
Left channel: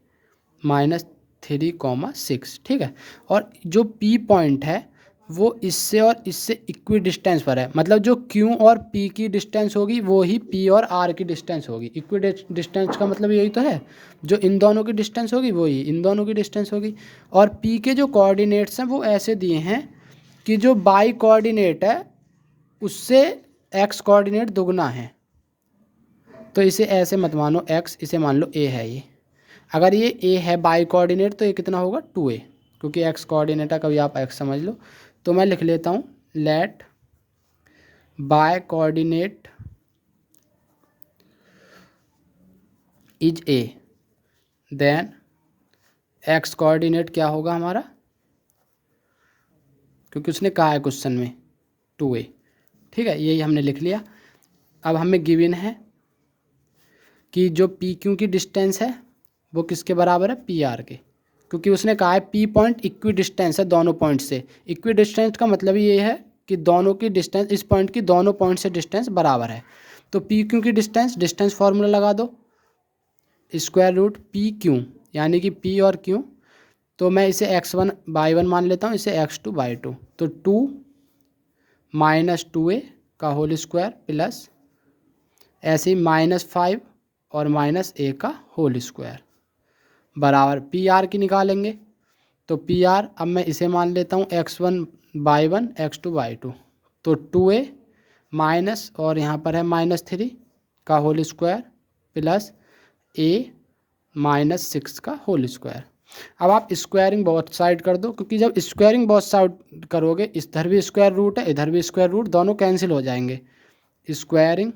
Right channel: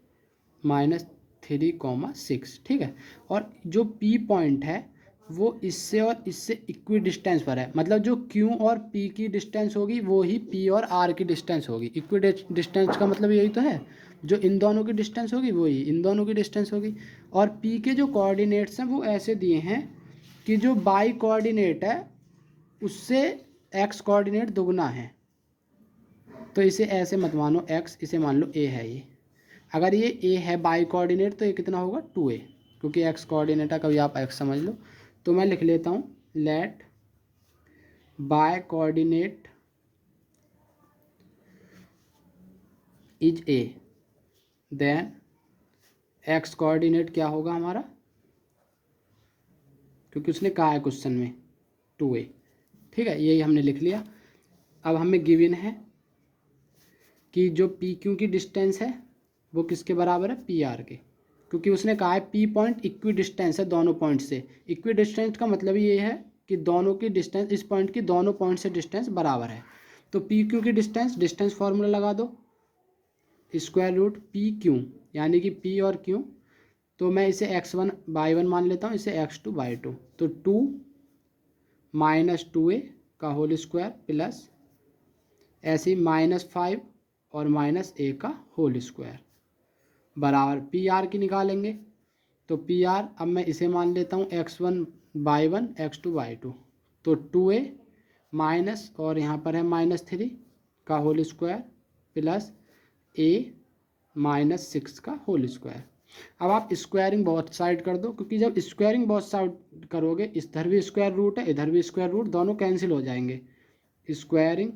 -3, 6, ठीक है। और जो पी पॉइंट है वो इससे और इससे इक्वी डिस्टेंस पर है, मतलब जो क्यू और पी की डिस्टेंस होगी वो ही पी और आर की डिस्टेंस होगी। इक्वी डिस्टेंस का मतलब यही तो है, जो इन दोनों की डिस्टेंस होगी वो ही इन दोनों की डिस्टेंस होगी। और पी के जो कोऑर्डिनेट्स हैं वो ऐसे दिए हैं कि जो बाई कोऑर्डिनेट है उससे एक्स कोऑर्डिनेट दुगना है, तो इसे ऐसे मत मानो एक्स, इसे मान लो ए है ये। अगर ये ए है बाई कोऑर्डिनेट तो ये कितना होगा 2a, क्योंकि एक्स कोऑर्डिनेट है, कभी आप एक्स समझ लो। तो मैं लिख लेता हूँ let y coordinate is a, then x coordinate क्या होगा हमारा, क्योंकि उसने कहा है क्वेश्चन में 2a, ठीक है, यही हमने लिख लिया। अब हमें गिवन है कि जो पी क्यू की डिस्टेंस है वो किसके बराबर है पी आर के, क्योंकि उसने कहा है पी पॉइंट इक्वी डिस्टेंस है दोनों पॉइंट से। इक्वी डिस्टेंस का मतलब ये है कि दोनों की डिस्टेंस, इस पॉइंट की दोनों पॉइंट से डिस्टेंस बराबर है। तो पी क्यू की डिस्टेंस फार्मूला लगा दो, स्क्वायर रूट पी क्यू यानी कि पी और क्यू। तो मैं इसे x1/1 मान लेता हूँ, इसे x2/2। तो 2 माइनस 2a का होल स्क्वायर प्लस ऐसे ही -5 और -a का होल स्क्वायर बराबर पी आर की निकालेंगे। तो पी आर अब मैं इसे मान लेता हूँ x1/1 x2/2। तो 2a माइनस और यहाँ पर है -3 का होल स्क्वायर प्लस a -6 का होल स्क्वायर। अब आप स्क्वायरिंग बोथ साइड कर दो, क्योंकि जब स्क्वायरिंग बोथ साइड करोगे इधर भी स्क्वायर रूट है इधर भी स्क्वायर रूट, दोनों कैंसिल हो जाएंगे। स्क्वायरिंग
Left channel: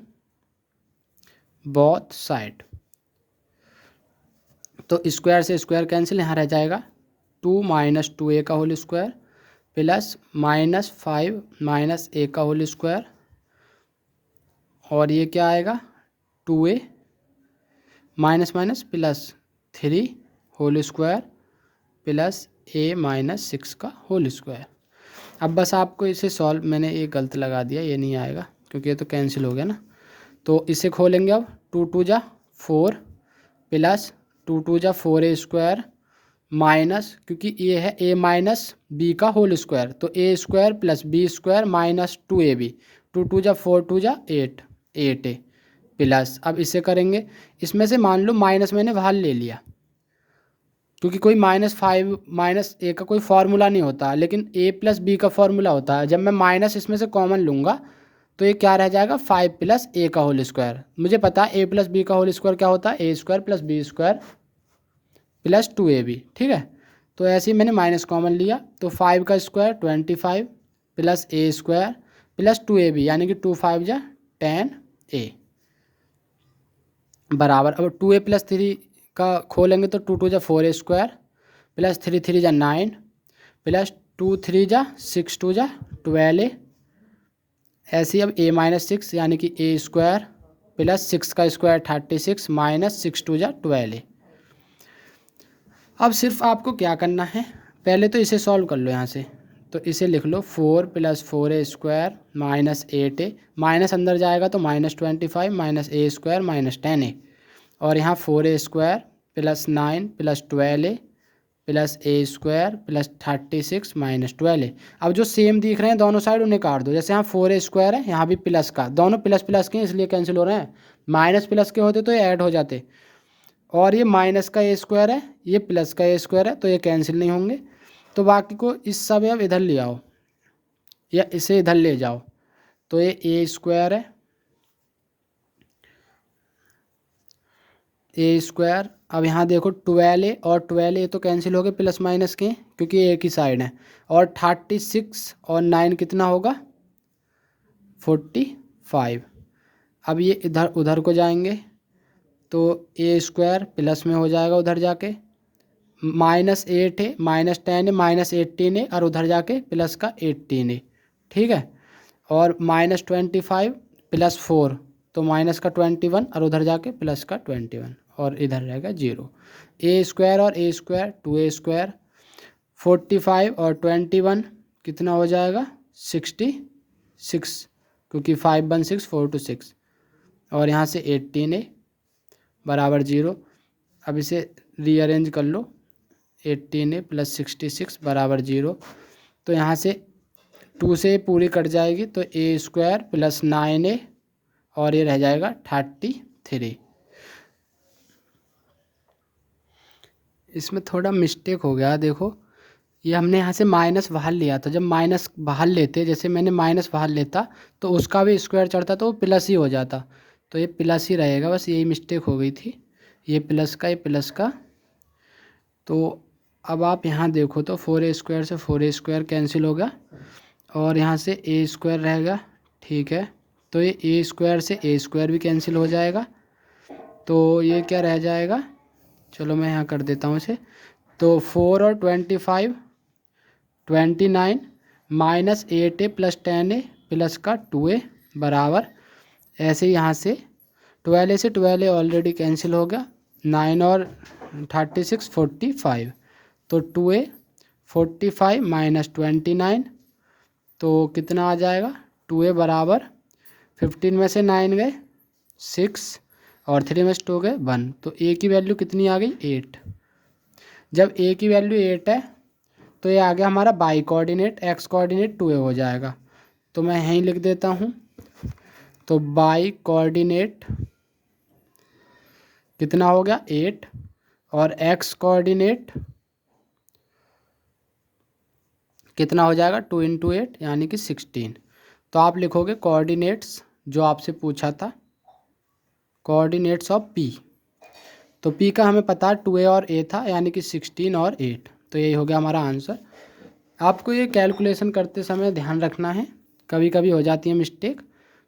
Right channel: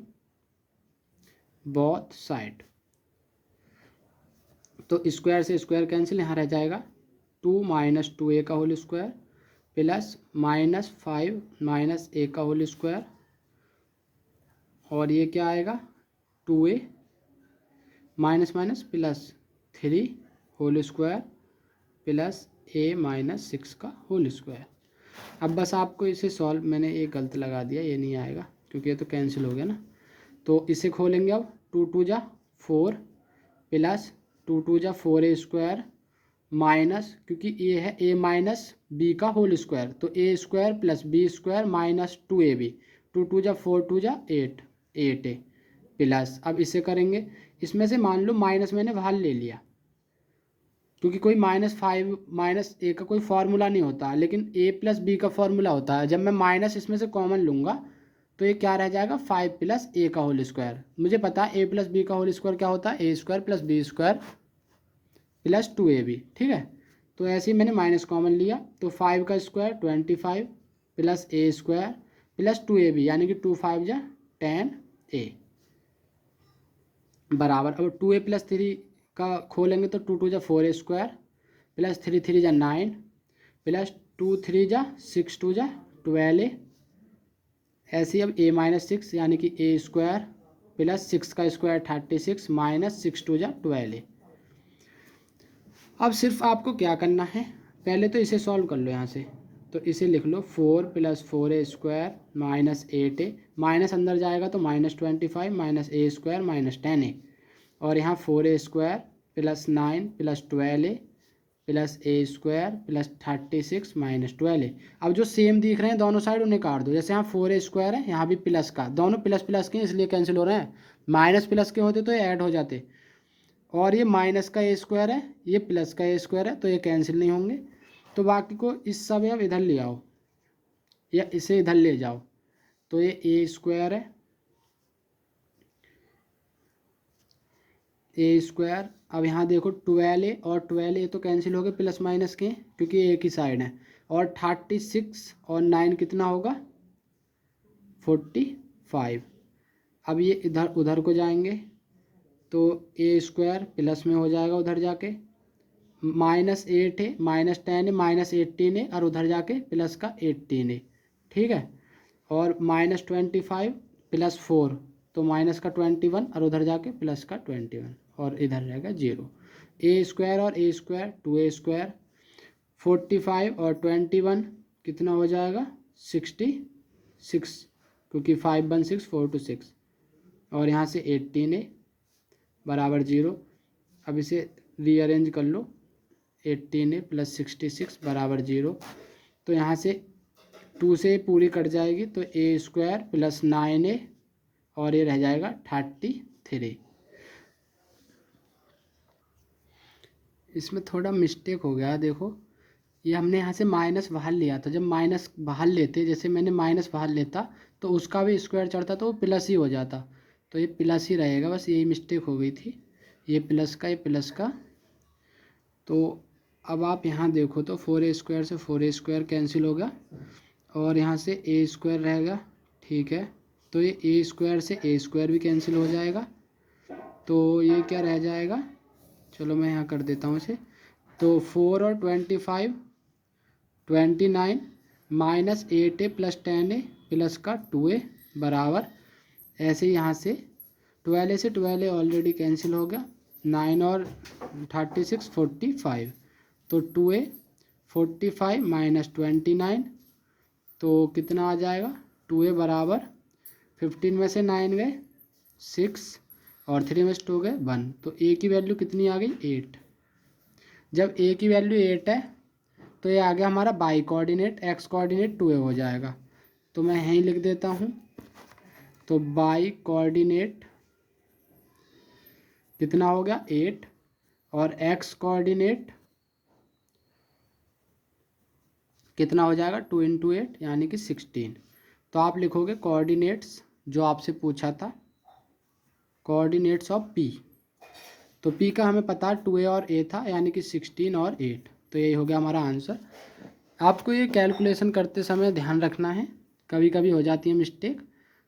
बोथ साइड, तो स्क्वायर से स्क्वायर कैंसिल, यहाँ रह जाएगा 2 माइनस 2a का होल स्क्वायर प्लस -5 -a का होल स्क्वायर, और ये क्या आएगा 2a minus minus plus 3 whole square plus a -6 का होल स्क्वायर। अब बस आपको इसे सॉल्व, मैंने ये गलत लगा दिया, ये नहीं आएगा क्योंकि ये तो कैंसिल हो गया ना। तो इसे खोलेंगे अब, 2 2 जा 4 प्लस 2 2 जा 4a स्क्वायर माइनस, क्योंकि ये है a माइनस बी का होल स्क्वायर, तो a square plus b square minus 2ab, 2 2 जा 4 2 जा 8a प्लस, अब इसे करेंगे, इसमें से मान लो माइनस मैंने बाहर ले लिया, क्योंकि कोई -5 -a का कोई फार्मूला नहीं होता, लेकिन a प्लस बी का फार्मूला होता है। जब मैं माइनस इसमें से कॉमन लूँगा तो ये क्या रह जाएगा 5 प्लस a का होल स्क्वायर। मुझे पता है a प्लस बी का होल स्क्वायर क्या होता है, a square plus b square plus 2ab, ठीक है। तो ऐसे ही मैंने माइनस कॉमन लिया, तो 5 का square 25 plus a square plus 2ab यानी कि 2 5 जा 10a बराबर, अब 2a प्लस 3 का खोलेंगे तो 2 2 जा 4a स्क्वायर प्लस 3 3 जा 9 प्लस 2 3 जा 6 2 जा 12a। ऐसे ही अब a -6 यानी कि a स्क्वायर प्लस 6 का स्क्वायर 36 माइनस 6 2 जा 12a। अब सिर्फ आपको क्या करना है, पहले तो इसे सॉल्व कर लो यहाँ से, तो इसे लिख लो 4 plus 4a square minus 8a, minus अंदर जाएगा तो -25 minus a square minus 10a, और यहाँ 4a square plus 9 plus 12a plus a square plus 36 minus 12a। अब जो सेम दिख रहे हैं दोनों साइड उन्हें काट दो, जैसे यहाँ 4a स्क्वायर है यहाँ भी प्लस का, दोनों प्लस प्लस के इसलिए कैंसिल हो रहे हैं, माइनस प्लस के होते तो ये ऐड हो जाते, और ये माइनस का a स्क्वायर है ये प्लस का a स्क्वायर है तो ये कैंसिल नहीं होंगे। तो बाकी को इस सब अब इधर ले आओ या इसे इधर ले जाओ, तो ये a स्क्वायर है a स्क्वायर, अब यहाँ देखो 12a और 12a तो कैंसिल हो गए प्लस माइनस के, क्योंकि एक ही साइड है, और 36 और 9 कितना होगा 45। अब ये इधर उधर को जाएंगे तो a स्क्वायर प्लस में हो जाएगा उधर जाके, -8 है -10 है -18 है, और उधर जाके प्लस का 18 है, ठीक है। और -25 प्लस 4 तो माइनस का 21 और उधर जाके प्लस का 21, और इधर रहेगा 0। a स्क्वायर और a स्क्वायर 2a स्क्वायर, 45 और 21 कितना हो जाएगा 66, क्योंकि 5 1 6 4 2 6, और यहाँ से 18 है बराबर 0। अब इसे रीअरेंज कर लो, 18 प्लस 66 बराबर 0, तो यहाँ से 2 से पूरी कट जाएगी तो a स्क्वायर प्लस 9a और ये रह जाएगा 33। इसमें थोड़ा मिस्टेक हो गया, देखो ये हमने यहाँ से माइनस बाहर लिया था, जब माइनस बाहर लेते जैसे मैंने माइनस बाहर लेता तो उसका भी स्क्वायर चढ़ता तो वो प्लस ही हो जाता, तो ये प्लस ही रहेगा, बस यही मिस्टेक हो गई थी, ये प्लस का ये प्लस का। तो अब आप यहाँ देखो तो 4a स्क्वायर से 4a स्क्वायर कैंसिल होगा और यहाँ से a स्क्वायर रहेगा, ठीक है। तो ये a स्क्वायर से a स्क्वायर भी कैंसिल हो जाएगा, तो ये क्या रह जाएगा, चलो मैं यहाँ कर देता हूँ इसे, तो 4 और 25 29 minus 8a plus 10a plus का 2a बराबर, ऐसे यहाँ से 12a से 12a ऑलरेडी कैंसिल हो गया, 9 और 36 45, तो 2a 45 माइनस 29, तो कितना आ जाएगा 2a बराबर 15 में से 9 गए 6 और 3 में 2 गए 1, तो ए की वैल्यू कितनी आ गई 8। जब ए की वैल्यू 8 है तो ये आ गया हमारा by coordinate, x coordinate 2a हो जाएगा। तो मैं यहीं लिख देता हूँ, तो बाई कोऑर्डिनेट कितना हो गया 8 और एक्स कोऑर्डिनेट कितना हो जाएगा 2 × 8 यानी कि 16। तो आप लिखोगे कोऑर्डिनेट्स जो आपसे पूछा था, कोऑर्डिनेट्स ऑफ पी। तो पी का हमें पता है 2a और a था यानी कि 16 और 8, तो यही हो गया हमारा आंसर। आपको ये कैलकुलेशन करते समय ध्यान रखना है, कभी कभी हो जाती है मिस्टेक,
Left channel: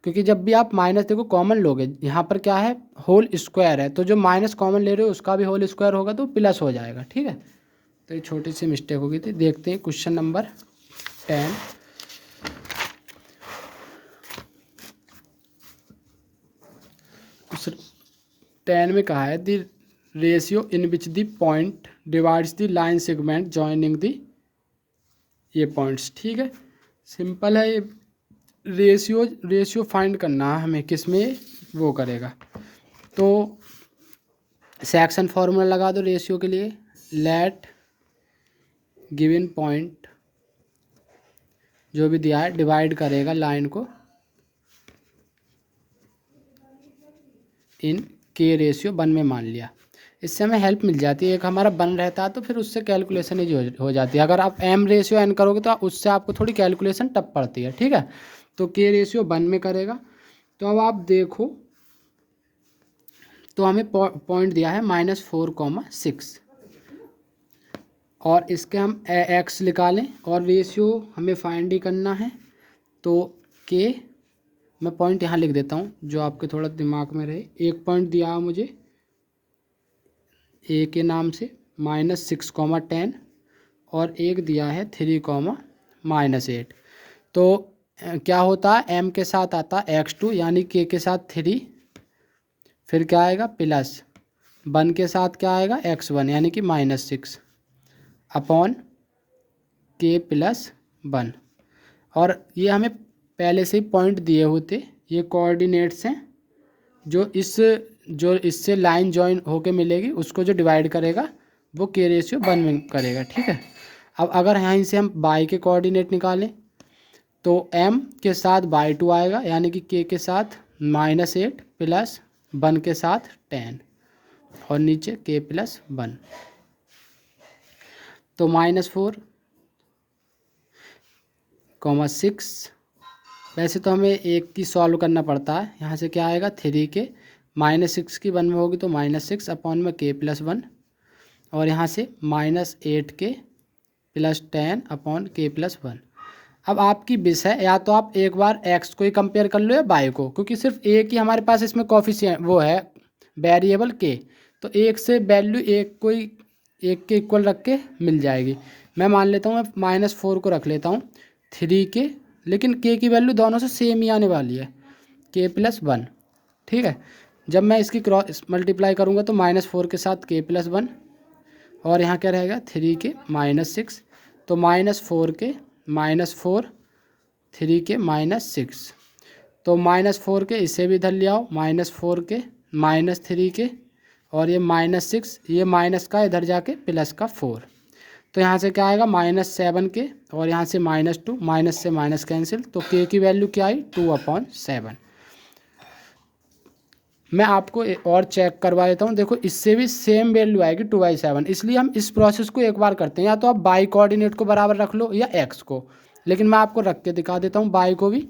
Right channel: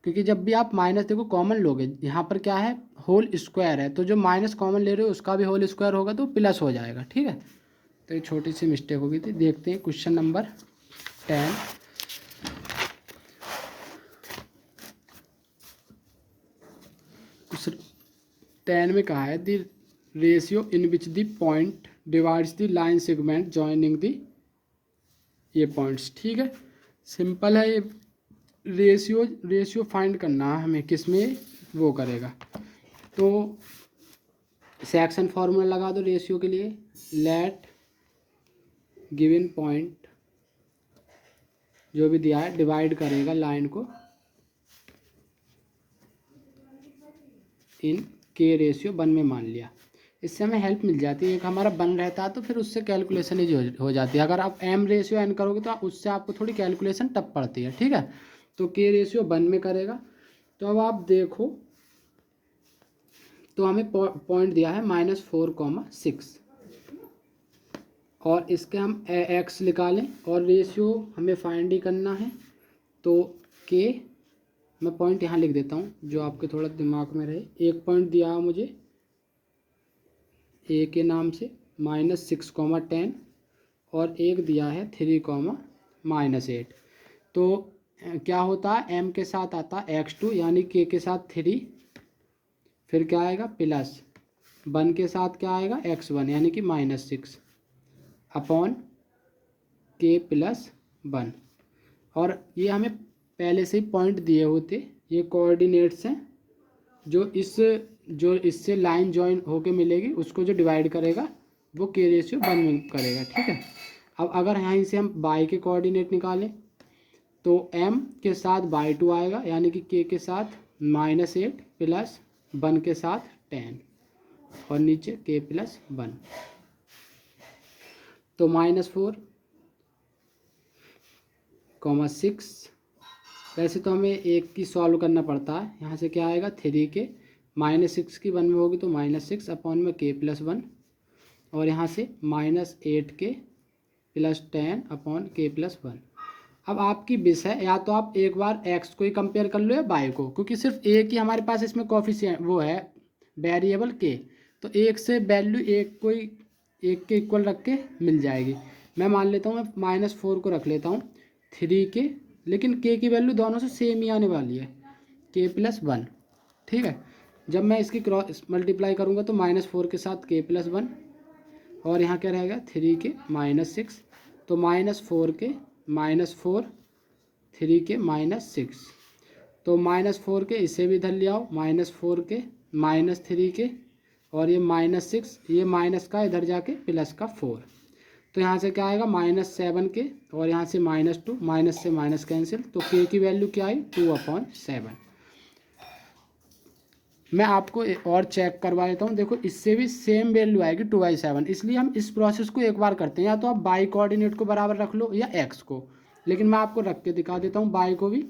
क्योंकि जब भी आप माइनस देखो कॉमन लोगे, यहाँ पर क्या है होल स्क्वायर है, तो जो माइनस कॉमन ले रहे हो उसका भी होल स्क्वायर होगा तो प्लस हो जाएगा, ठीक है। तो ये छोटी सी मिस्टेक हो गई थी। देखते हैं क्वेश्चन नंबर 10। उस 10 में कहा है the ratio in which the point divides the line segment joining the ये पॉइंट्स, ठीक है। सिंपल है ये, रेशियो फाइंड करना है हमें, किस में वो करेगा। तो सेक्शन फार्मूला लगा दो रेशियो के लिए, लेट गिवन पॉइंट जो भी दिया है डिवाइड करेगा लाइन को इन के रेशियो 1 में मान लिया। इससे हमें हेल्प मिल जाती है, एक हमारा 1 रहता है तो फिर उससे कैलकुलेशन हो जाती है। अगर आप m रेशियो n करोगे तो उससे आपको थोड़ी कैलकुलेशन टफ पड़ती है, ठीक है। तो k रेशियो 1 में करेगा। तो अब आप देखो, तो हमें पॉइंट दिया है -4,6 और इसके हम x निकालें और रेशियो हमें फाइंड ही करना है। तो k मैं पॉइंट यहाँ लिख देता हूँ जो आपके थोड़ा दिमाग में रहे। एक पॉइंट दिया है मुझे a के नाम से -6,10 और एक दिया है 3,-8। तो क्या होता है m के साथ आता है x2 यानी k के साथ 3, फिर क्या आएगा प्लस 1 के साथ क्या आएगा x1 यानी कि -6 अपॉन k + 1। और ये हमें पहले से ही पॉइंट दिए होते, ये कोऑर्डिनेट्स हैं जो इससे लाइन जॉइन होके मिलेगी उसको जो डिवाइड करेगा वो k रेशियो 1 में करेगा, ठीक है। अब अगर यहाँ से हम y के कोऑर्डिनेट निकालें तो m के साथ /2 आएगा यानी कि k के साथ -8 प्लस 1 के साथ 10 और नीचे k + 1, तो -4,6। वैसे तो हमें एक की सॉल्व करना पड़ता है, यहाँ से क्या आएगा 3 के -6 की 1 में होगी तो -6 अपॉन में k + 1 और यहाँ से -8 के + 10 अपॉन k + 1। अब आपकी विश है, या तो आप एक बार x को ही कंपेयर कर लो या y को, क्योंकि सिर्फ एक ही हमारे पास इसमें कोफिशिएंट वो है वेरिएबल k, तो एक से वैल्यू एक को ही एक के इक्वल रख के मिल जाएगी। मैं मान लेता हूँ, मैं -4 को रख लेता हूँ 3 के, लेकिन k की वैल्यू दोनों से सेम ही आने वाली है k + 1, ठीक है। जब मैं इसकी क्रॉस मल्टीप्लाई करूँगा तो -4 के साथ k + 1 और यहाँ क्या रहेगा 3 के -6, तो -4 के -4 3 के -6, तो -4 के इसे भी इधर ले आओ, -4 के -3 के और ये -6, ये माइनस का इधर जाके प्लस का 4, तो यहाँ से क्या आएगा -7 के और यहाँ से -2, माइनस से माइनस कैंसिल, तो k की वैल्यू क्या आई 2/7। मैं आपको और चेक करवा देता हूँ, देखो इससे भी सेम वैल्यू आएगी 2/7, इसलिए हम इस प्रोसेस को एक बार करते हैं, या तो आप बाई कोऑर्डिनेट को बराबर रख लो या x को, लेकिन मैं आपको रख के दिखा देता हूँ। बाई को भी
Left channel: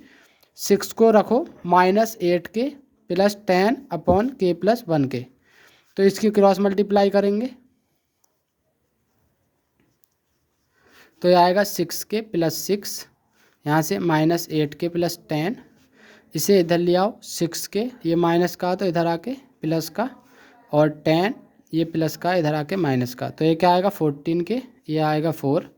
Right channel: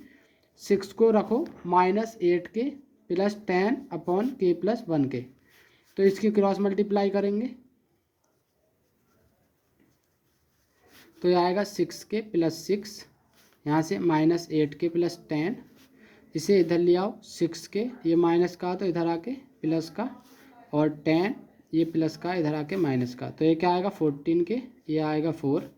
6 को रखो -8 के + 10 अपॉन k + 1 के, तो इसकी क्रॉस मल्टीप्लाई करेंगे तो ये आएगा 6 के + 6, यहाँ से -8 के + 10, इसे इधर ले आओ 6 के, ये माइनस का तो इधर आके प्लस का और 10 ये प्लस का इधर आके माइनस का, तो ये क्या आएगा 14 के, ये आएगा 4,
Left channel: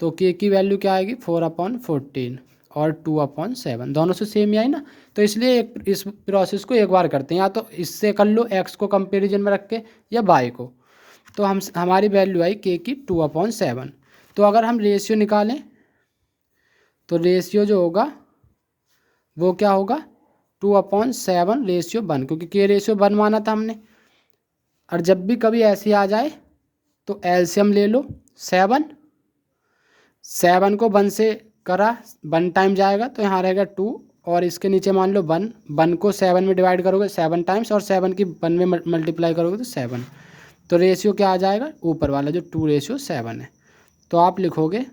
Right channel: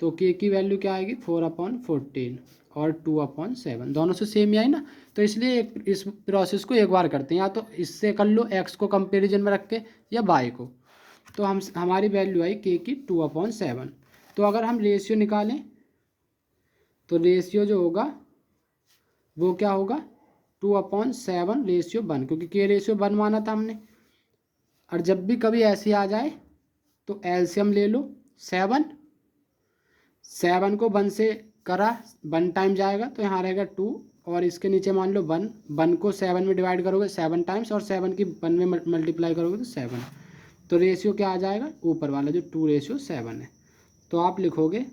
तो k की वैल्यू क्या आएगी 4/14 और 2/7, दोनों से सेम ही आई ना, तो इसलिए इस प्रोसेस को एक बार करते हैं, या तो इससे कर लो x को कंपेरिजन में रख के या y को। तो हमारी वैल्यू आई k की 2/7। तो अगर हम रेशियो निकालें तो रेशियो जो होगा वो क्या होगा 2/7/1, क्योंकि के रेशियो 1 माना था हमने। और जब भी कभी ऐसी आ जाए तो एलसीएम ले लो। 7 को 1 से करा, 1 टाइम जाएगा तो यहाँ रहेगा 2, और इसके नीचे मान लो 1, 1 को 7 में डिवाइड करोगे 7 टाइम्स, और 7 की 1 में मल्टीप्लाई करोगे तो 7। तो रेशियो क्या आ जाएगा, ऊपर वाला जो 2/7 है। तो आप लिखोगे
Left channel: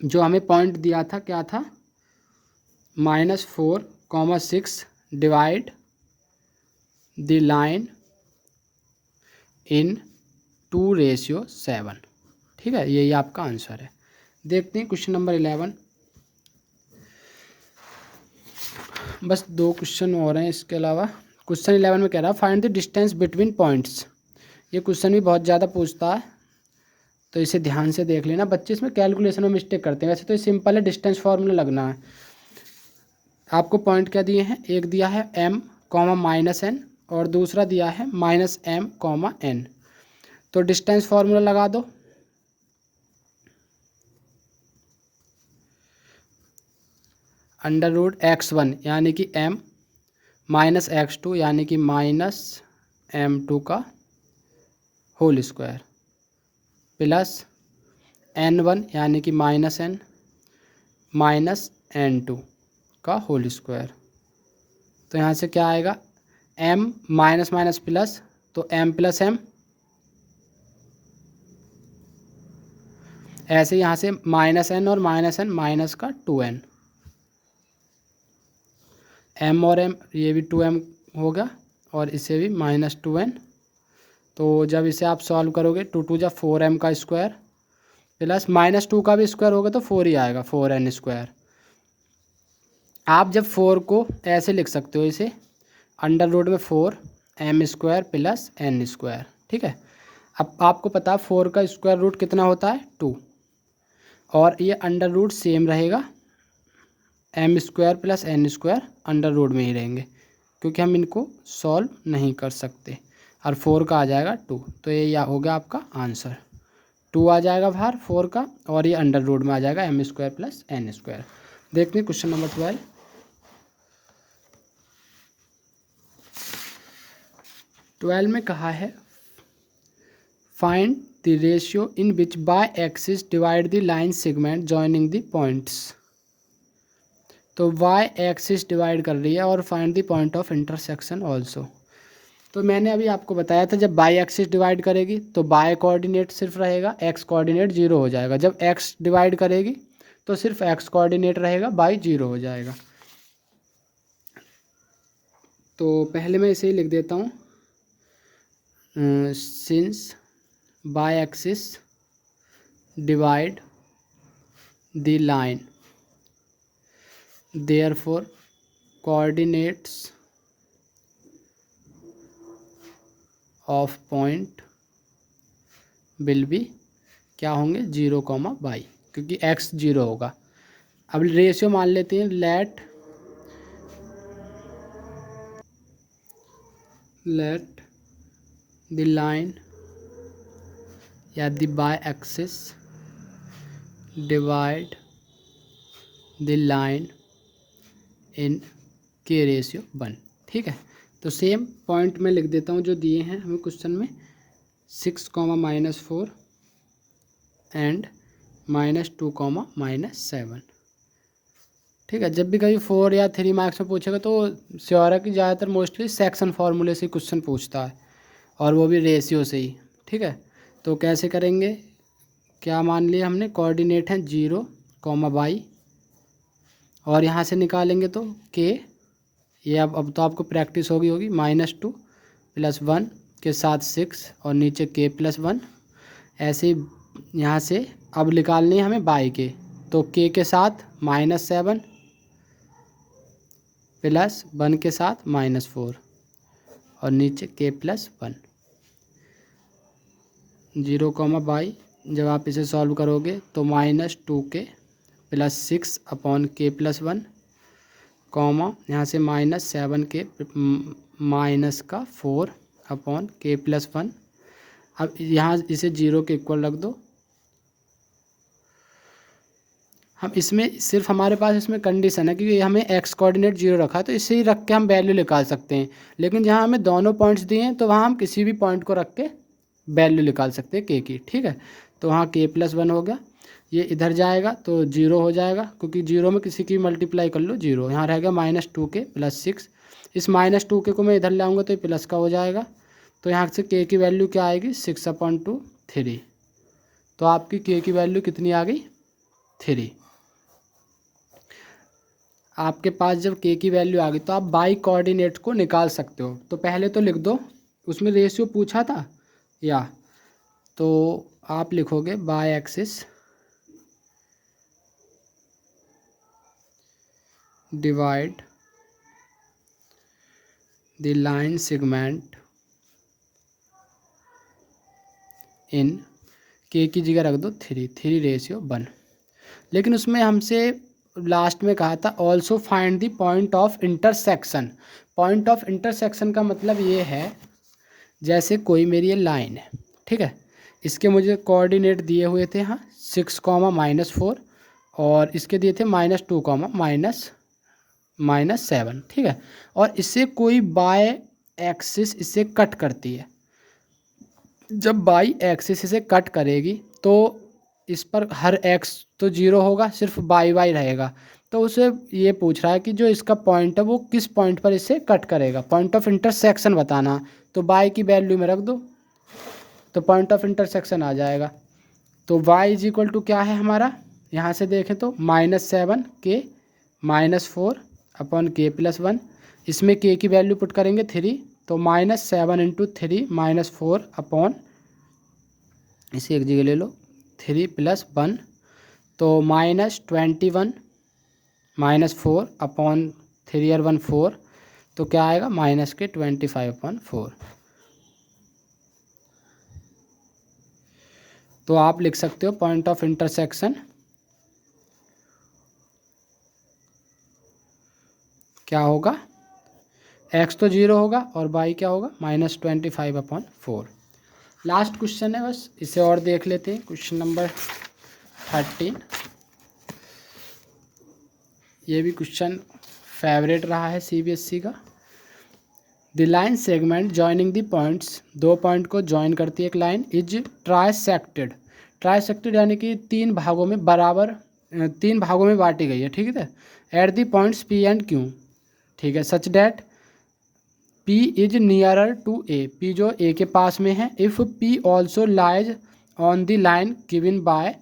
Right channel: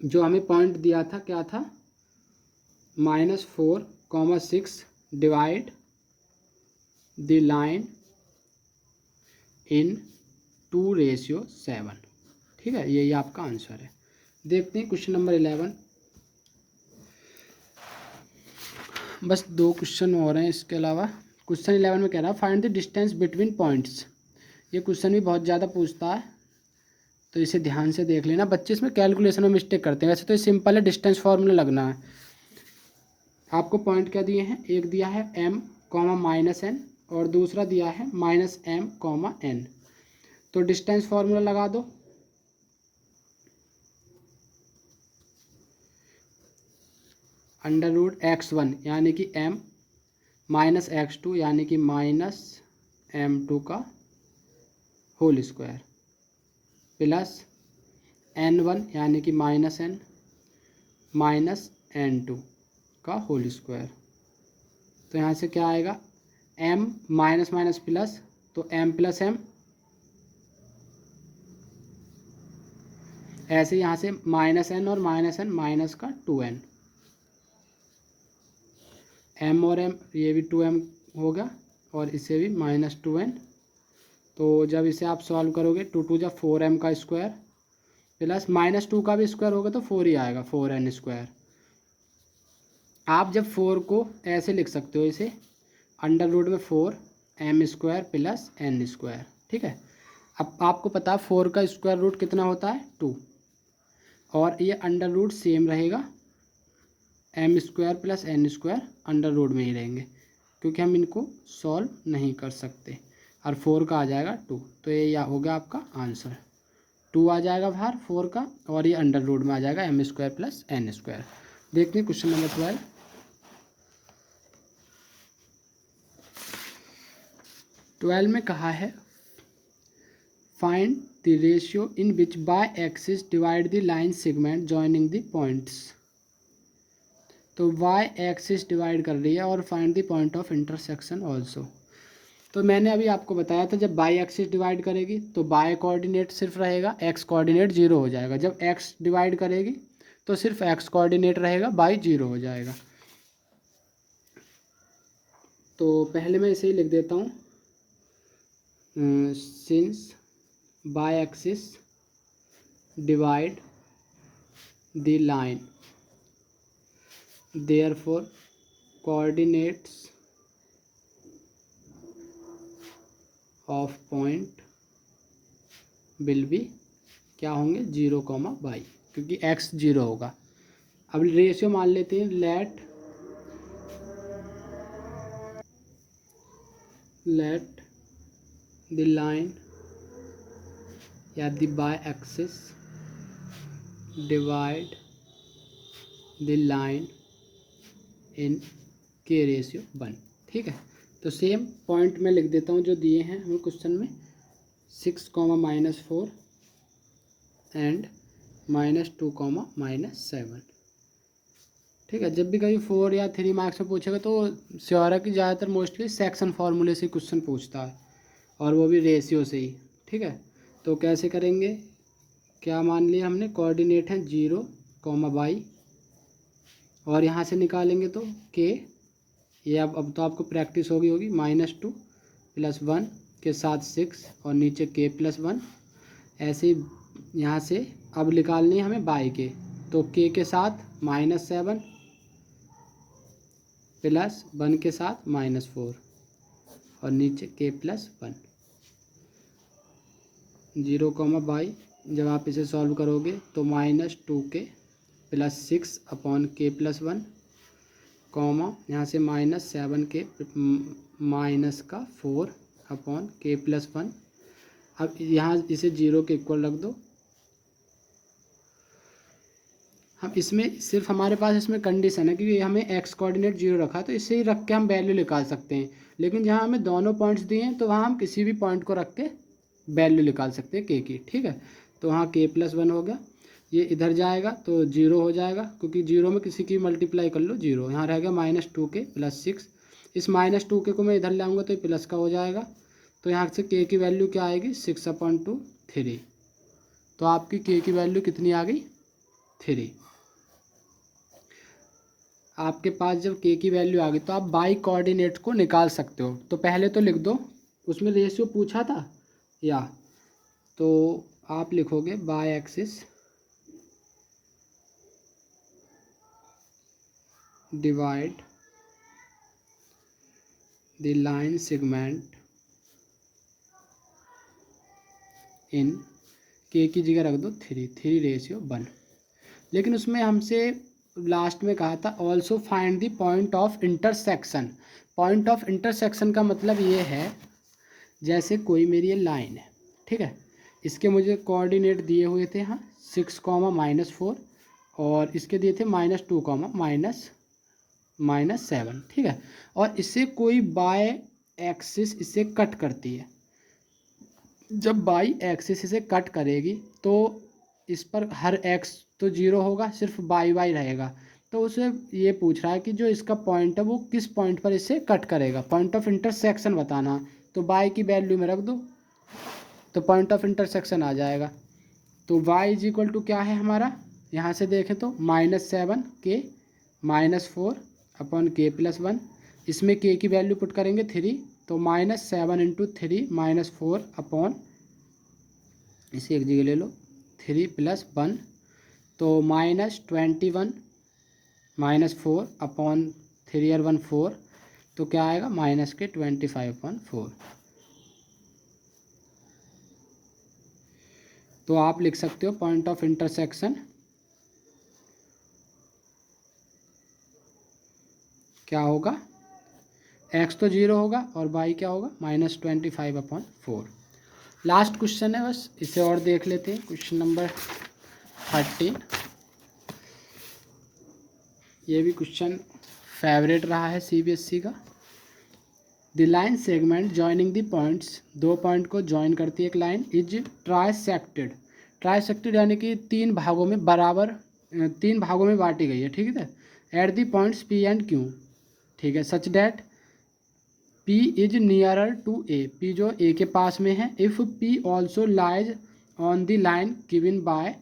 जो हमें पॉइंट दिया था क्या था, -4,6 डिवाइड द लाइन इन 2/7। ठीक है, यही आपका आंसर है। देखते हैं क्वेश्चन नंबर 11। बस 2 क्वेश्चन और हैं इसके अलावा। क्वेश्चन 11 में कह रहा है find the distance between points. ये क्वेश्चन भी बहुत ज़्यादा पूछता है, तो इसे ध्यान से देख लेना। बच्चे इसमें कैलकुलेशन में मिस्टेक करते हैं, वैसे तो ये सिंपल है, डिस्टेंस फार्मूला लगना है। आपको पॉइंट क्या दिए हैं, एक दिया है m, -n, और दूसरा दिया है -m, n। तो डिस्टेंस फार्मूला लगा दो। √x1 यानी कि m, -x2 यानी कि -m2 का होल स्क्वायर, प्लस n1 यानी कि -n, -n2 का होल स्क्वायर। तो यहाँ से क्या आएगा, m माइनस माइनस प्लस, तो m + m, ऐसे यहाँ से -n और -n माइनस का 2n, m और m ये भी 2m होगा, और इसे भी -2n। तो जब इसे आप सॉल्व करोगे 2 × 2 = 4m का स्क्वायर, प्लस -2 का भी स्क्वायर होगा तो 4 ही आएगा, 4n स्क्वायर। आप जब 4 को ऐसे लिख सकते हो, इसे √में 4m² + n²। ठीक है, अब आपको पता 4 का स्क्वायर रूट कितना होता है, 2, और ये अंडर सेम रहेगा, m² + n² अंडर में ही रहेंगे, क्योंकि हम इनको सॉल्व नहीं कर सकते। और 4 का आ जाएगा 2, तो ये हो गया आपका आंसर। 2 आ जाएगा बाहर 4 का, और ये अंडर में आ जाएगा m² + n²। देखते हैं क्वेश्चन नंबर 12। 12 में कहा है find the ratio in which bye axis divide the line segment joining the points. तो y एक्सिस डिवाइड कर रही है, और find the point of intersection also. तो मैंने अभी आपको बताया था जब y एक्सिस डिवाइड करेगी तो y कोऑर्डिनेट सिर्फ रहेगा, x कोऑर्डिनेट 0 हो जाएगा। जब x डिवाइड करेगी तो सिर्फ x कोऑर्डिनेट रहेगा, y 0 हो जाएगा। तो पहले मैं इसे ही लिख देता हूँ, since y axis divide the line therefore coordinates of point will be क्या होंगे, 0, y, क्योंकि x 0 होगा। अब रेशियो मान लेते हैं, लेट द लाइन या the y axis divide the line in k/1। ठीक है, तो सेम पॉइंट में लिख देता हूँ जो दिए हैं हमें क्वेश्चन में, 6, -4 एंड -2, -7। ठीक है, जब भी कभी 4 या 3 मार्क्स में पूछेगा तो श्योर है कि ज़्यादातर मोस्टली सेक्शन फार्मूले से क्वेश्चन पूछता है, और वो भी रेशियो से ही। ठीक है, तो कैसे करेंगे, क्या मान लिया हमने, कोऑर्डिनेट है 0, y, और यहाँ से निकालेंगे तो k, ये अब तो आपको प्रैक्टिस होगी, -2 + 1 के साथ 6, और नीचे k + 1। ऐसे ही यहाँ से अब निकालनी है हमें y के, तो k के साथ -7 + 1 के साथ -4, और नीचे k + 1, 0, y। जब आप इसे सॉल्व करोगे तो -2k + 6/k + 1, यहाँ से -7k -4/k + 1। अब यहाँ इसे 0 के इक्वल रख दो, हम इसमें सिर्फ हमारे पास इसमें कंडीशन है कि हमें एक्स कोऑर्डिनेट 0 रखा है, तो इसे ही रख के हम वैल्यू निकाल सकते हैं। लेकिन जहाँ हमें दोनों पॉइंट्स दिए हैं तो वहाँ हम किसी भी पॉइंट को रख के वैल्यू निकाल सकते हैं के की, ठीक है। तो वहाँ k+1 हो गया, ये इधर जाएगा तो 0 हो जाएगा, क्योंकि 0 में किसी की मल्टीप्लाई कर लो 0। यहाँ रह गया -2k + 6। इस -2k को मैं इधर ले आऊँगा तो ये प्लस का हो जाएगा। तो यहाँ से k की वैल्यू क्या आएगी 6/2 3। तो आपकी k की वैल्यू कितनी आ गई 3। आपके पास जब k की वैल्यू आ गई तो आप बाई कोऑर्डिनेट को निकाल सकते हो। तो पहले तो लिख दो, उसमें रेशियो पूछा था या, तो आप लिखोगे by axis divide the line segment in k की जगह रख दो 3:1। लेकिन उसमें हमसे लास्ट में कहा था also find the point of intersection. Point of intersection का मतलब ये है, जैसे कोई मेरी ये लाइन है, ठीक है, इसके मुझे कोऑर्डिनेट दिए हुए थे हाँ 6, -4, और इसके दिए थे -2, -7, ठीक है। और इससे कोई बाय एक्सिस इसे कट करती है। जब बाई एक्सिस इसे कट करेगी तो इस पर हर एक्स तो 0 होगा, सिर्फ बाई रहेगा। तो उसे ये पूछ रहा है कि जो इसका पॉइंट है वो किस पॉइंट पर इसे कट करेगा, पॉइंट ऑफ इंटरसेक्शन बताना। तो बाई की वैल्यू में रख दो तो पॉइंट ऑफ इंटरसेक्शन आ जाएगा। तो y = क्या है हमारा, यहाँ से देखें तो -7k -4/k+1। इसमें k की वैल्यू पुट करेंगे 3, तो -7 × 3 -4 इसे एक जगह ले लो 3 + 1, तो -21 -4/3 और 1 4, तो क्या आएगा -25/4। तो आप लिख सकते हो पॉइंट ऑफ इंटरसेक्शन क्या होगा, x तो 0 होगा और y क्या होगा -25/4। लास्ट क्वेश्चन है, बस इसे और देख लेते हैं। क्वेश्चन नंबर 30, ये भी क्वेश्चन फेवरेट रहा है CBSE का। The line segment joining the points, दो पॉइंट को जॉइन करती है एक लाइन, इज ट्राइसेक्टेड। ट्राइसेक्टेड यानी कि 3 भागों में बराबर 3 भागों में बांटी गई है, ठीक है, at the points P and Q, ठीक है, such that P is nearer to A, P जो A के पास में है, इफ़ P also lies on the line given by,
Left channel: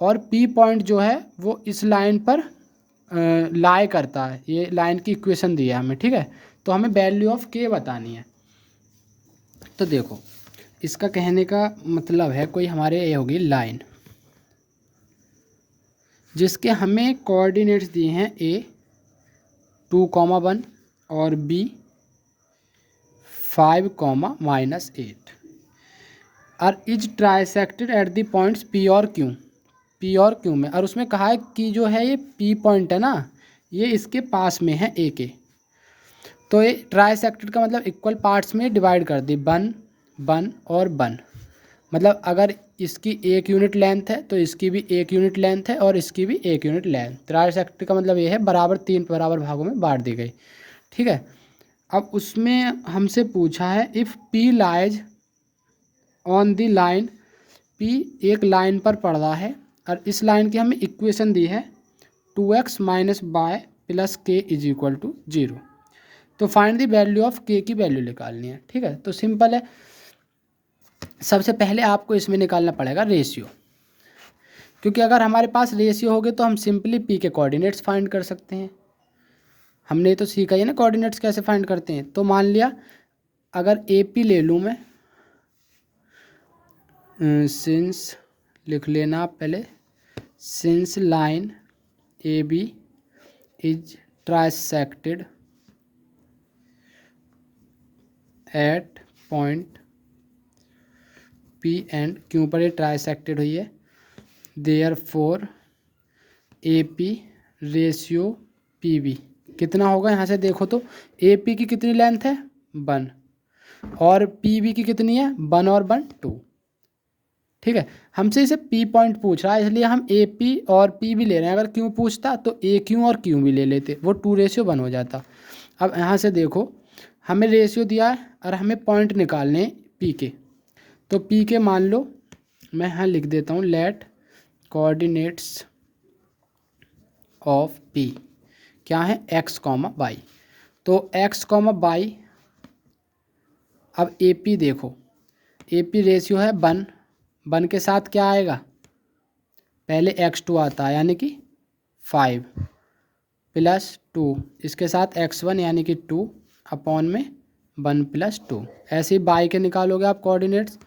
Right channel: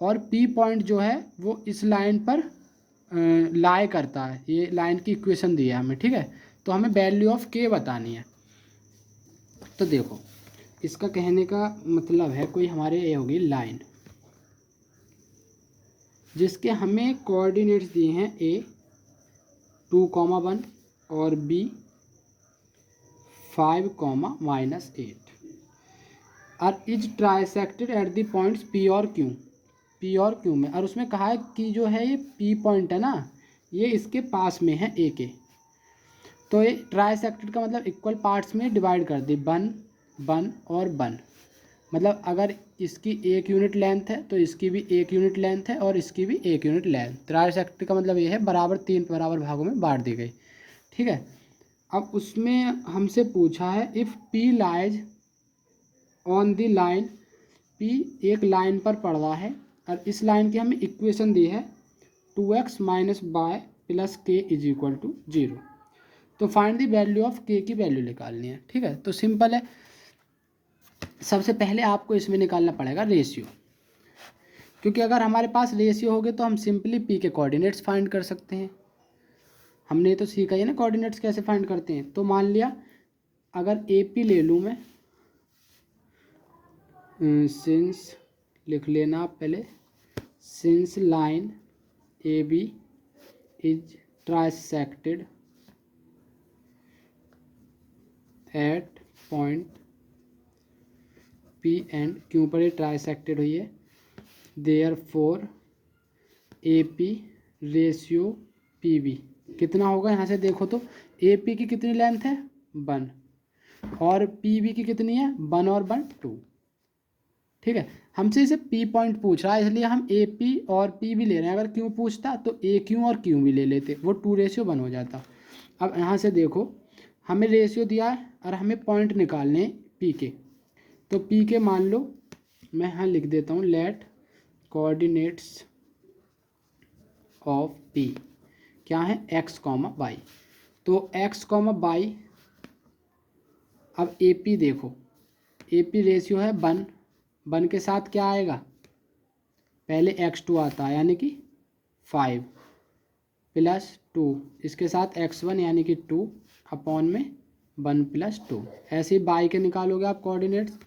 और P पॉइंट जो है वो इस लाइन पर लाई करता है। ये लाइन की इक्वेशन दी है हमें, ठीक है। तो हमें वैल्यू ऑफ k बतानी है। तो देखो इसका कहने का मतलब है, कोई हमारे ये होगी लाइन जिसके हमें कोऑर्डिनेट्स दिए हैं a 2,1 और b 5, -8, और is trisected eight the points p और q में। और उसमें कहा है कि जो है ये p पॉइंट है ना, ये इसके पास में है a के। तो ये ट्राइसेक्टेड का मतलब इक्वल पार्ट्स में डिवाइड कर दी, 1 1 और 1। मतलब अगर इसकी 1 यूनिट लेंथ है तो इसकी भी 1 यूनिट लेंथ है और इसकी भी 1 यूनिट लेंथ। ट्राइसेक्टेड का मतलब ये है बराबर 3 बराबर भागों में बांट दी गई, ठीक है। अब उसमें हमसे पूछा है इफ़ P lies on the line, P एक लाइन पर पड़ रहा है और इस लाइन की हमें इक्वेशन दी है 2x - y + k = 0। तो find the value of k की वैल्यू निकालनी है, ठीक है। तो सिंपल है, सबसे पहले आपको इसमें निकालना पड़ेगा रेशियो, क्योंकि अगर हमारे पास रेशियो होगे तो हम सिंपली p के कोऑर्डिनेट्स फाइंड कर सकते हैं। हमने तो सीखा ही ना कोऑर्डिनेट्स कैसे फाइंड करते हैं। तो मान लिया अगर AP ले लूँ मैं, सिंस लिख लेना आप पहले, since line AB is trisected at point P and Q पर ये ट्राइसेक्टेड हुई है, देयरफॉर AP रेशियो PB कितना होगा, यहाँ से देखो तो AP की कितनी लेंथ है 1 और PB की कितनी है 1 और 1 2, ठीक है। हमसे इसे पी पॉइंट पूछ रहा है, इसलिए हम ए पी और पी भी ले रहे हैं। अगर क्यू पूछता तो ए क्यू और क्यू भी ले लेते, वो 2:1 हो जाता। अब यहाँ से देखो, हमें रेशियो दिया है और हमें पॉइंट निकालने हैं पी के। तो पी के मान लो, मैं यहाँ लिख देता हूँ, लेट कोऑर्डिनेट्स ऑफ पी क्या है, एक्स कॉमा वाई। तो एक्स कॉमा वाई, अब ए पी देखो, ए पी रेशियो है 1, 1 के साथ क्या आएगा, पहले x2 आता है यानी कि 5 + 2, इसके साथ x1 यानी कि 2 अपॉन में 1 + 2। ऐसे ही बाई के निकालोगे आप कोऑर्डिनेट्स,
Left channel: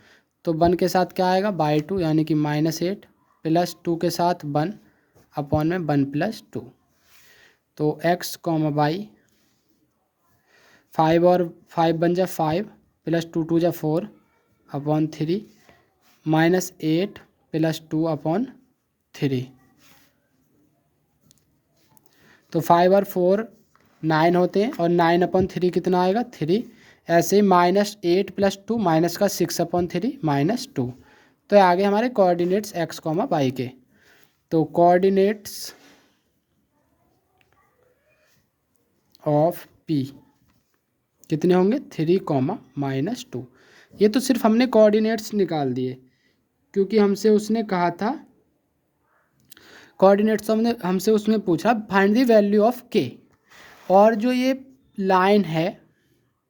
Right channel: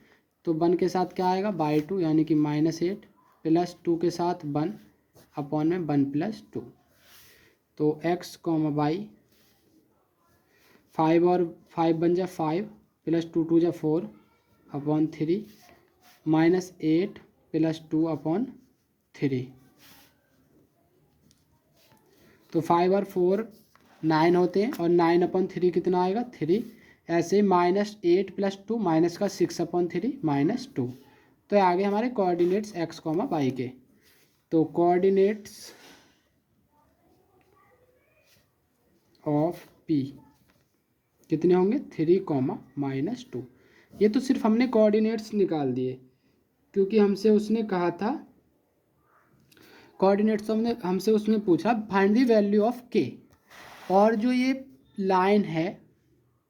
तो 1 के साथ क्या आएगा, बाई 2 यानी कि -8 + 2 के साथ 1 अपॉन में 1 + 2। तो x कॉमा वाई, 5 और 5 बन जा 5 + 2 2 जा 4 अपॉन 3 -8 + 2 अपॉन 3। तो 5 और 4 9 होते हैं, और 9/3 कितना आएगा, 3। ऐसे ही -8 + 2 माइनस का 6/3 -2। तो आगे हमारे कोऑर्डिनेट्स x कॉमा वाई के। तो कोऑर्डिनेट्स ऑफ p कितने होंगे, 3, -2। ये तो सिर्फ हमने कोऑर्डिनेट्स निकाल दिए, क्योंकि हमसे उसने कहा था कोऑर्डिनेट्स, हमसे उसने पूछा फाइंड द वैल्यू ऑफ के। और जो ये लाइन है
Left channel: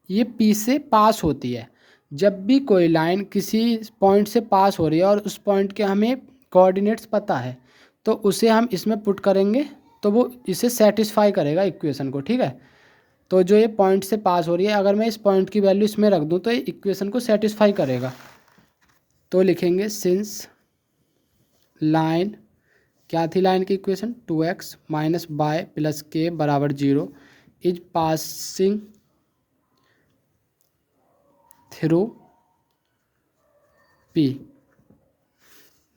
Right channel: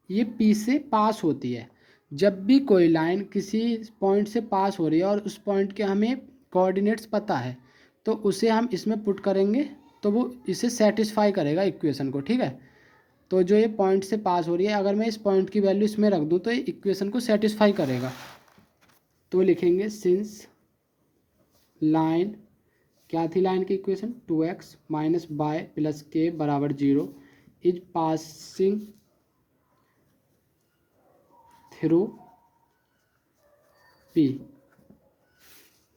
ये पी से पास होती है। जब भी कोई लाइन किसी पॉइंट से पास हो रही है और उस पॉइंट के हमें कोऑर्डिनेट्स पता है, तो उसे हम इसमें पुट करेंगे, तो वो इसे सेटिस्फाई करेगा इक्वेशन को, ठीक है। तो जो ये पॉइंट से पास हो रही है, अगर मैं इस पॉइंट की वैल्यू इसमें रख दूँ तो ये इक्वेशन को सेटिस्फाई करेगा। तो लिखेंगे सिंस लाइन, क्या थी लाइन की equation, 2x - y + k = 0 is passing through p।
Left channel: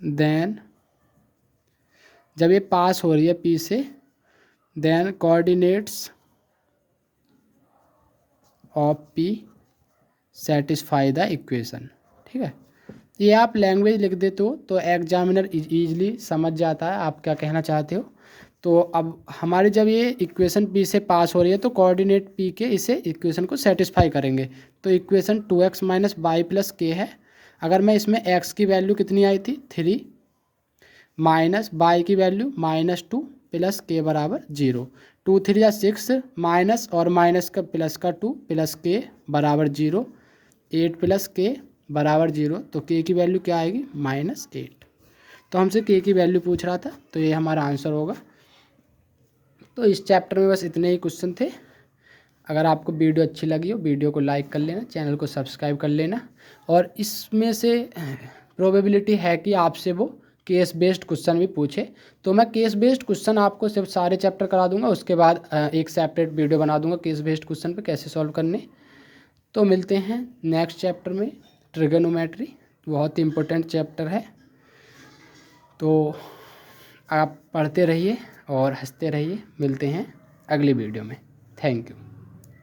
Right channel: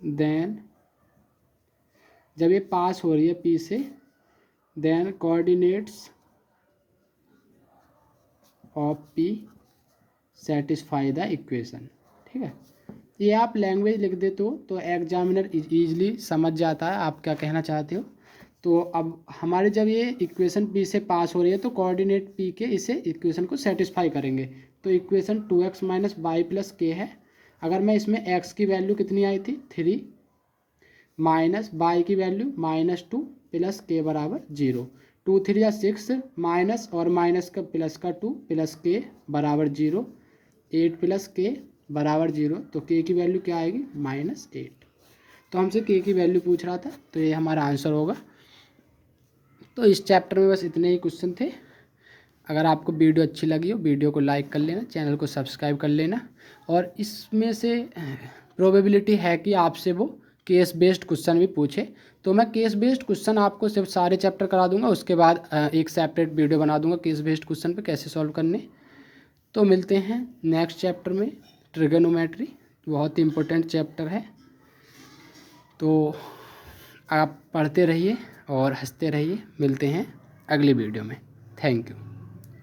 Then जब ये पास हो रही है p से, then coordinates of p satisfy the equation, ठीक है। ये आप लैंग्वेज लिख देते हो तो एग्जामिनर इजीली समझ जाता है आप क्या कहना चाहते हो। तो अब हमारे जब ये इक्वेशन p से पास हो रही है तो कोऑर्डिनेट p के इसे इक्वेशन को सेटिस्फाई करेंगे। तो इक्वेशन 2x - y + k है। अगर मैं इसमें x की वैल्यू कितनी आई थी, 3, माइनस y की वैल्यू -2 + k = 0, 2 3 या 6, माइनस और माइनस का प्लस का 2 + k = 0, 8 + k = 0। तो k की वैल्यू क्या आएगी, -8। तो हमसे k की वैल्यू पूछ रहा था, तो ये हमारा आंसर होगा। तो इस चैप्टर में बस इतने ही क्वेश्चन थे। अगर आपको वीडियो अच्छी लगी हो, वीडियो को लाइक कर लेना, चैनल को सब्सक्राइब कर लेना। और इसमें से प्रोबेबिलिटी है कि आपसे वो केस बेस्ड क्वेश्चन भी पूछे, तो मैं केस बेस्ड क्वेश्चन आपको सिर्फ सारे चैप्टर करा दूंगा, उसके बाद एक सेपरेट वीडियो बना दूंगा केस बेस्ड क्वेश्चन पे कैसे सॉल्व करने। तो मिलते हैं नेक्स्ट चैप्टर में, ट्रिगोनोमेट्री, बहुत ही इम्पोर्टेंट चैप्टर है। तो आप पढ़ते रहिए और हंसते रहिए। मिलते हैं अगली वीडियो में। Thank you.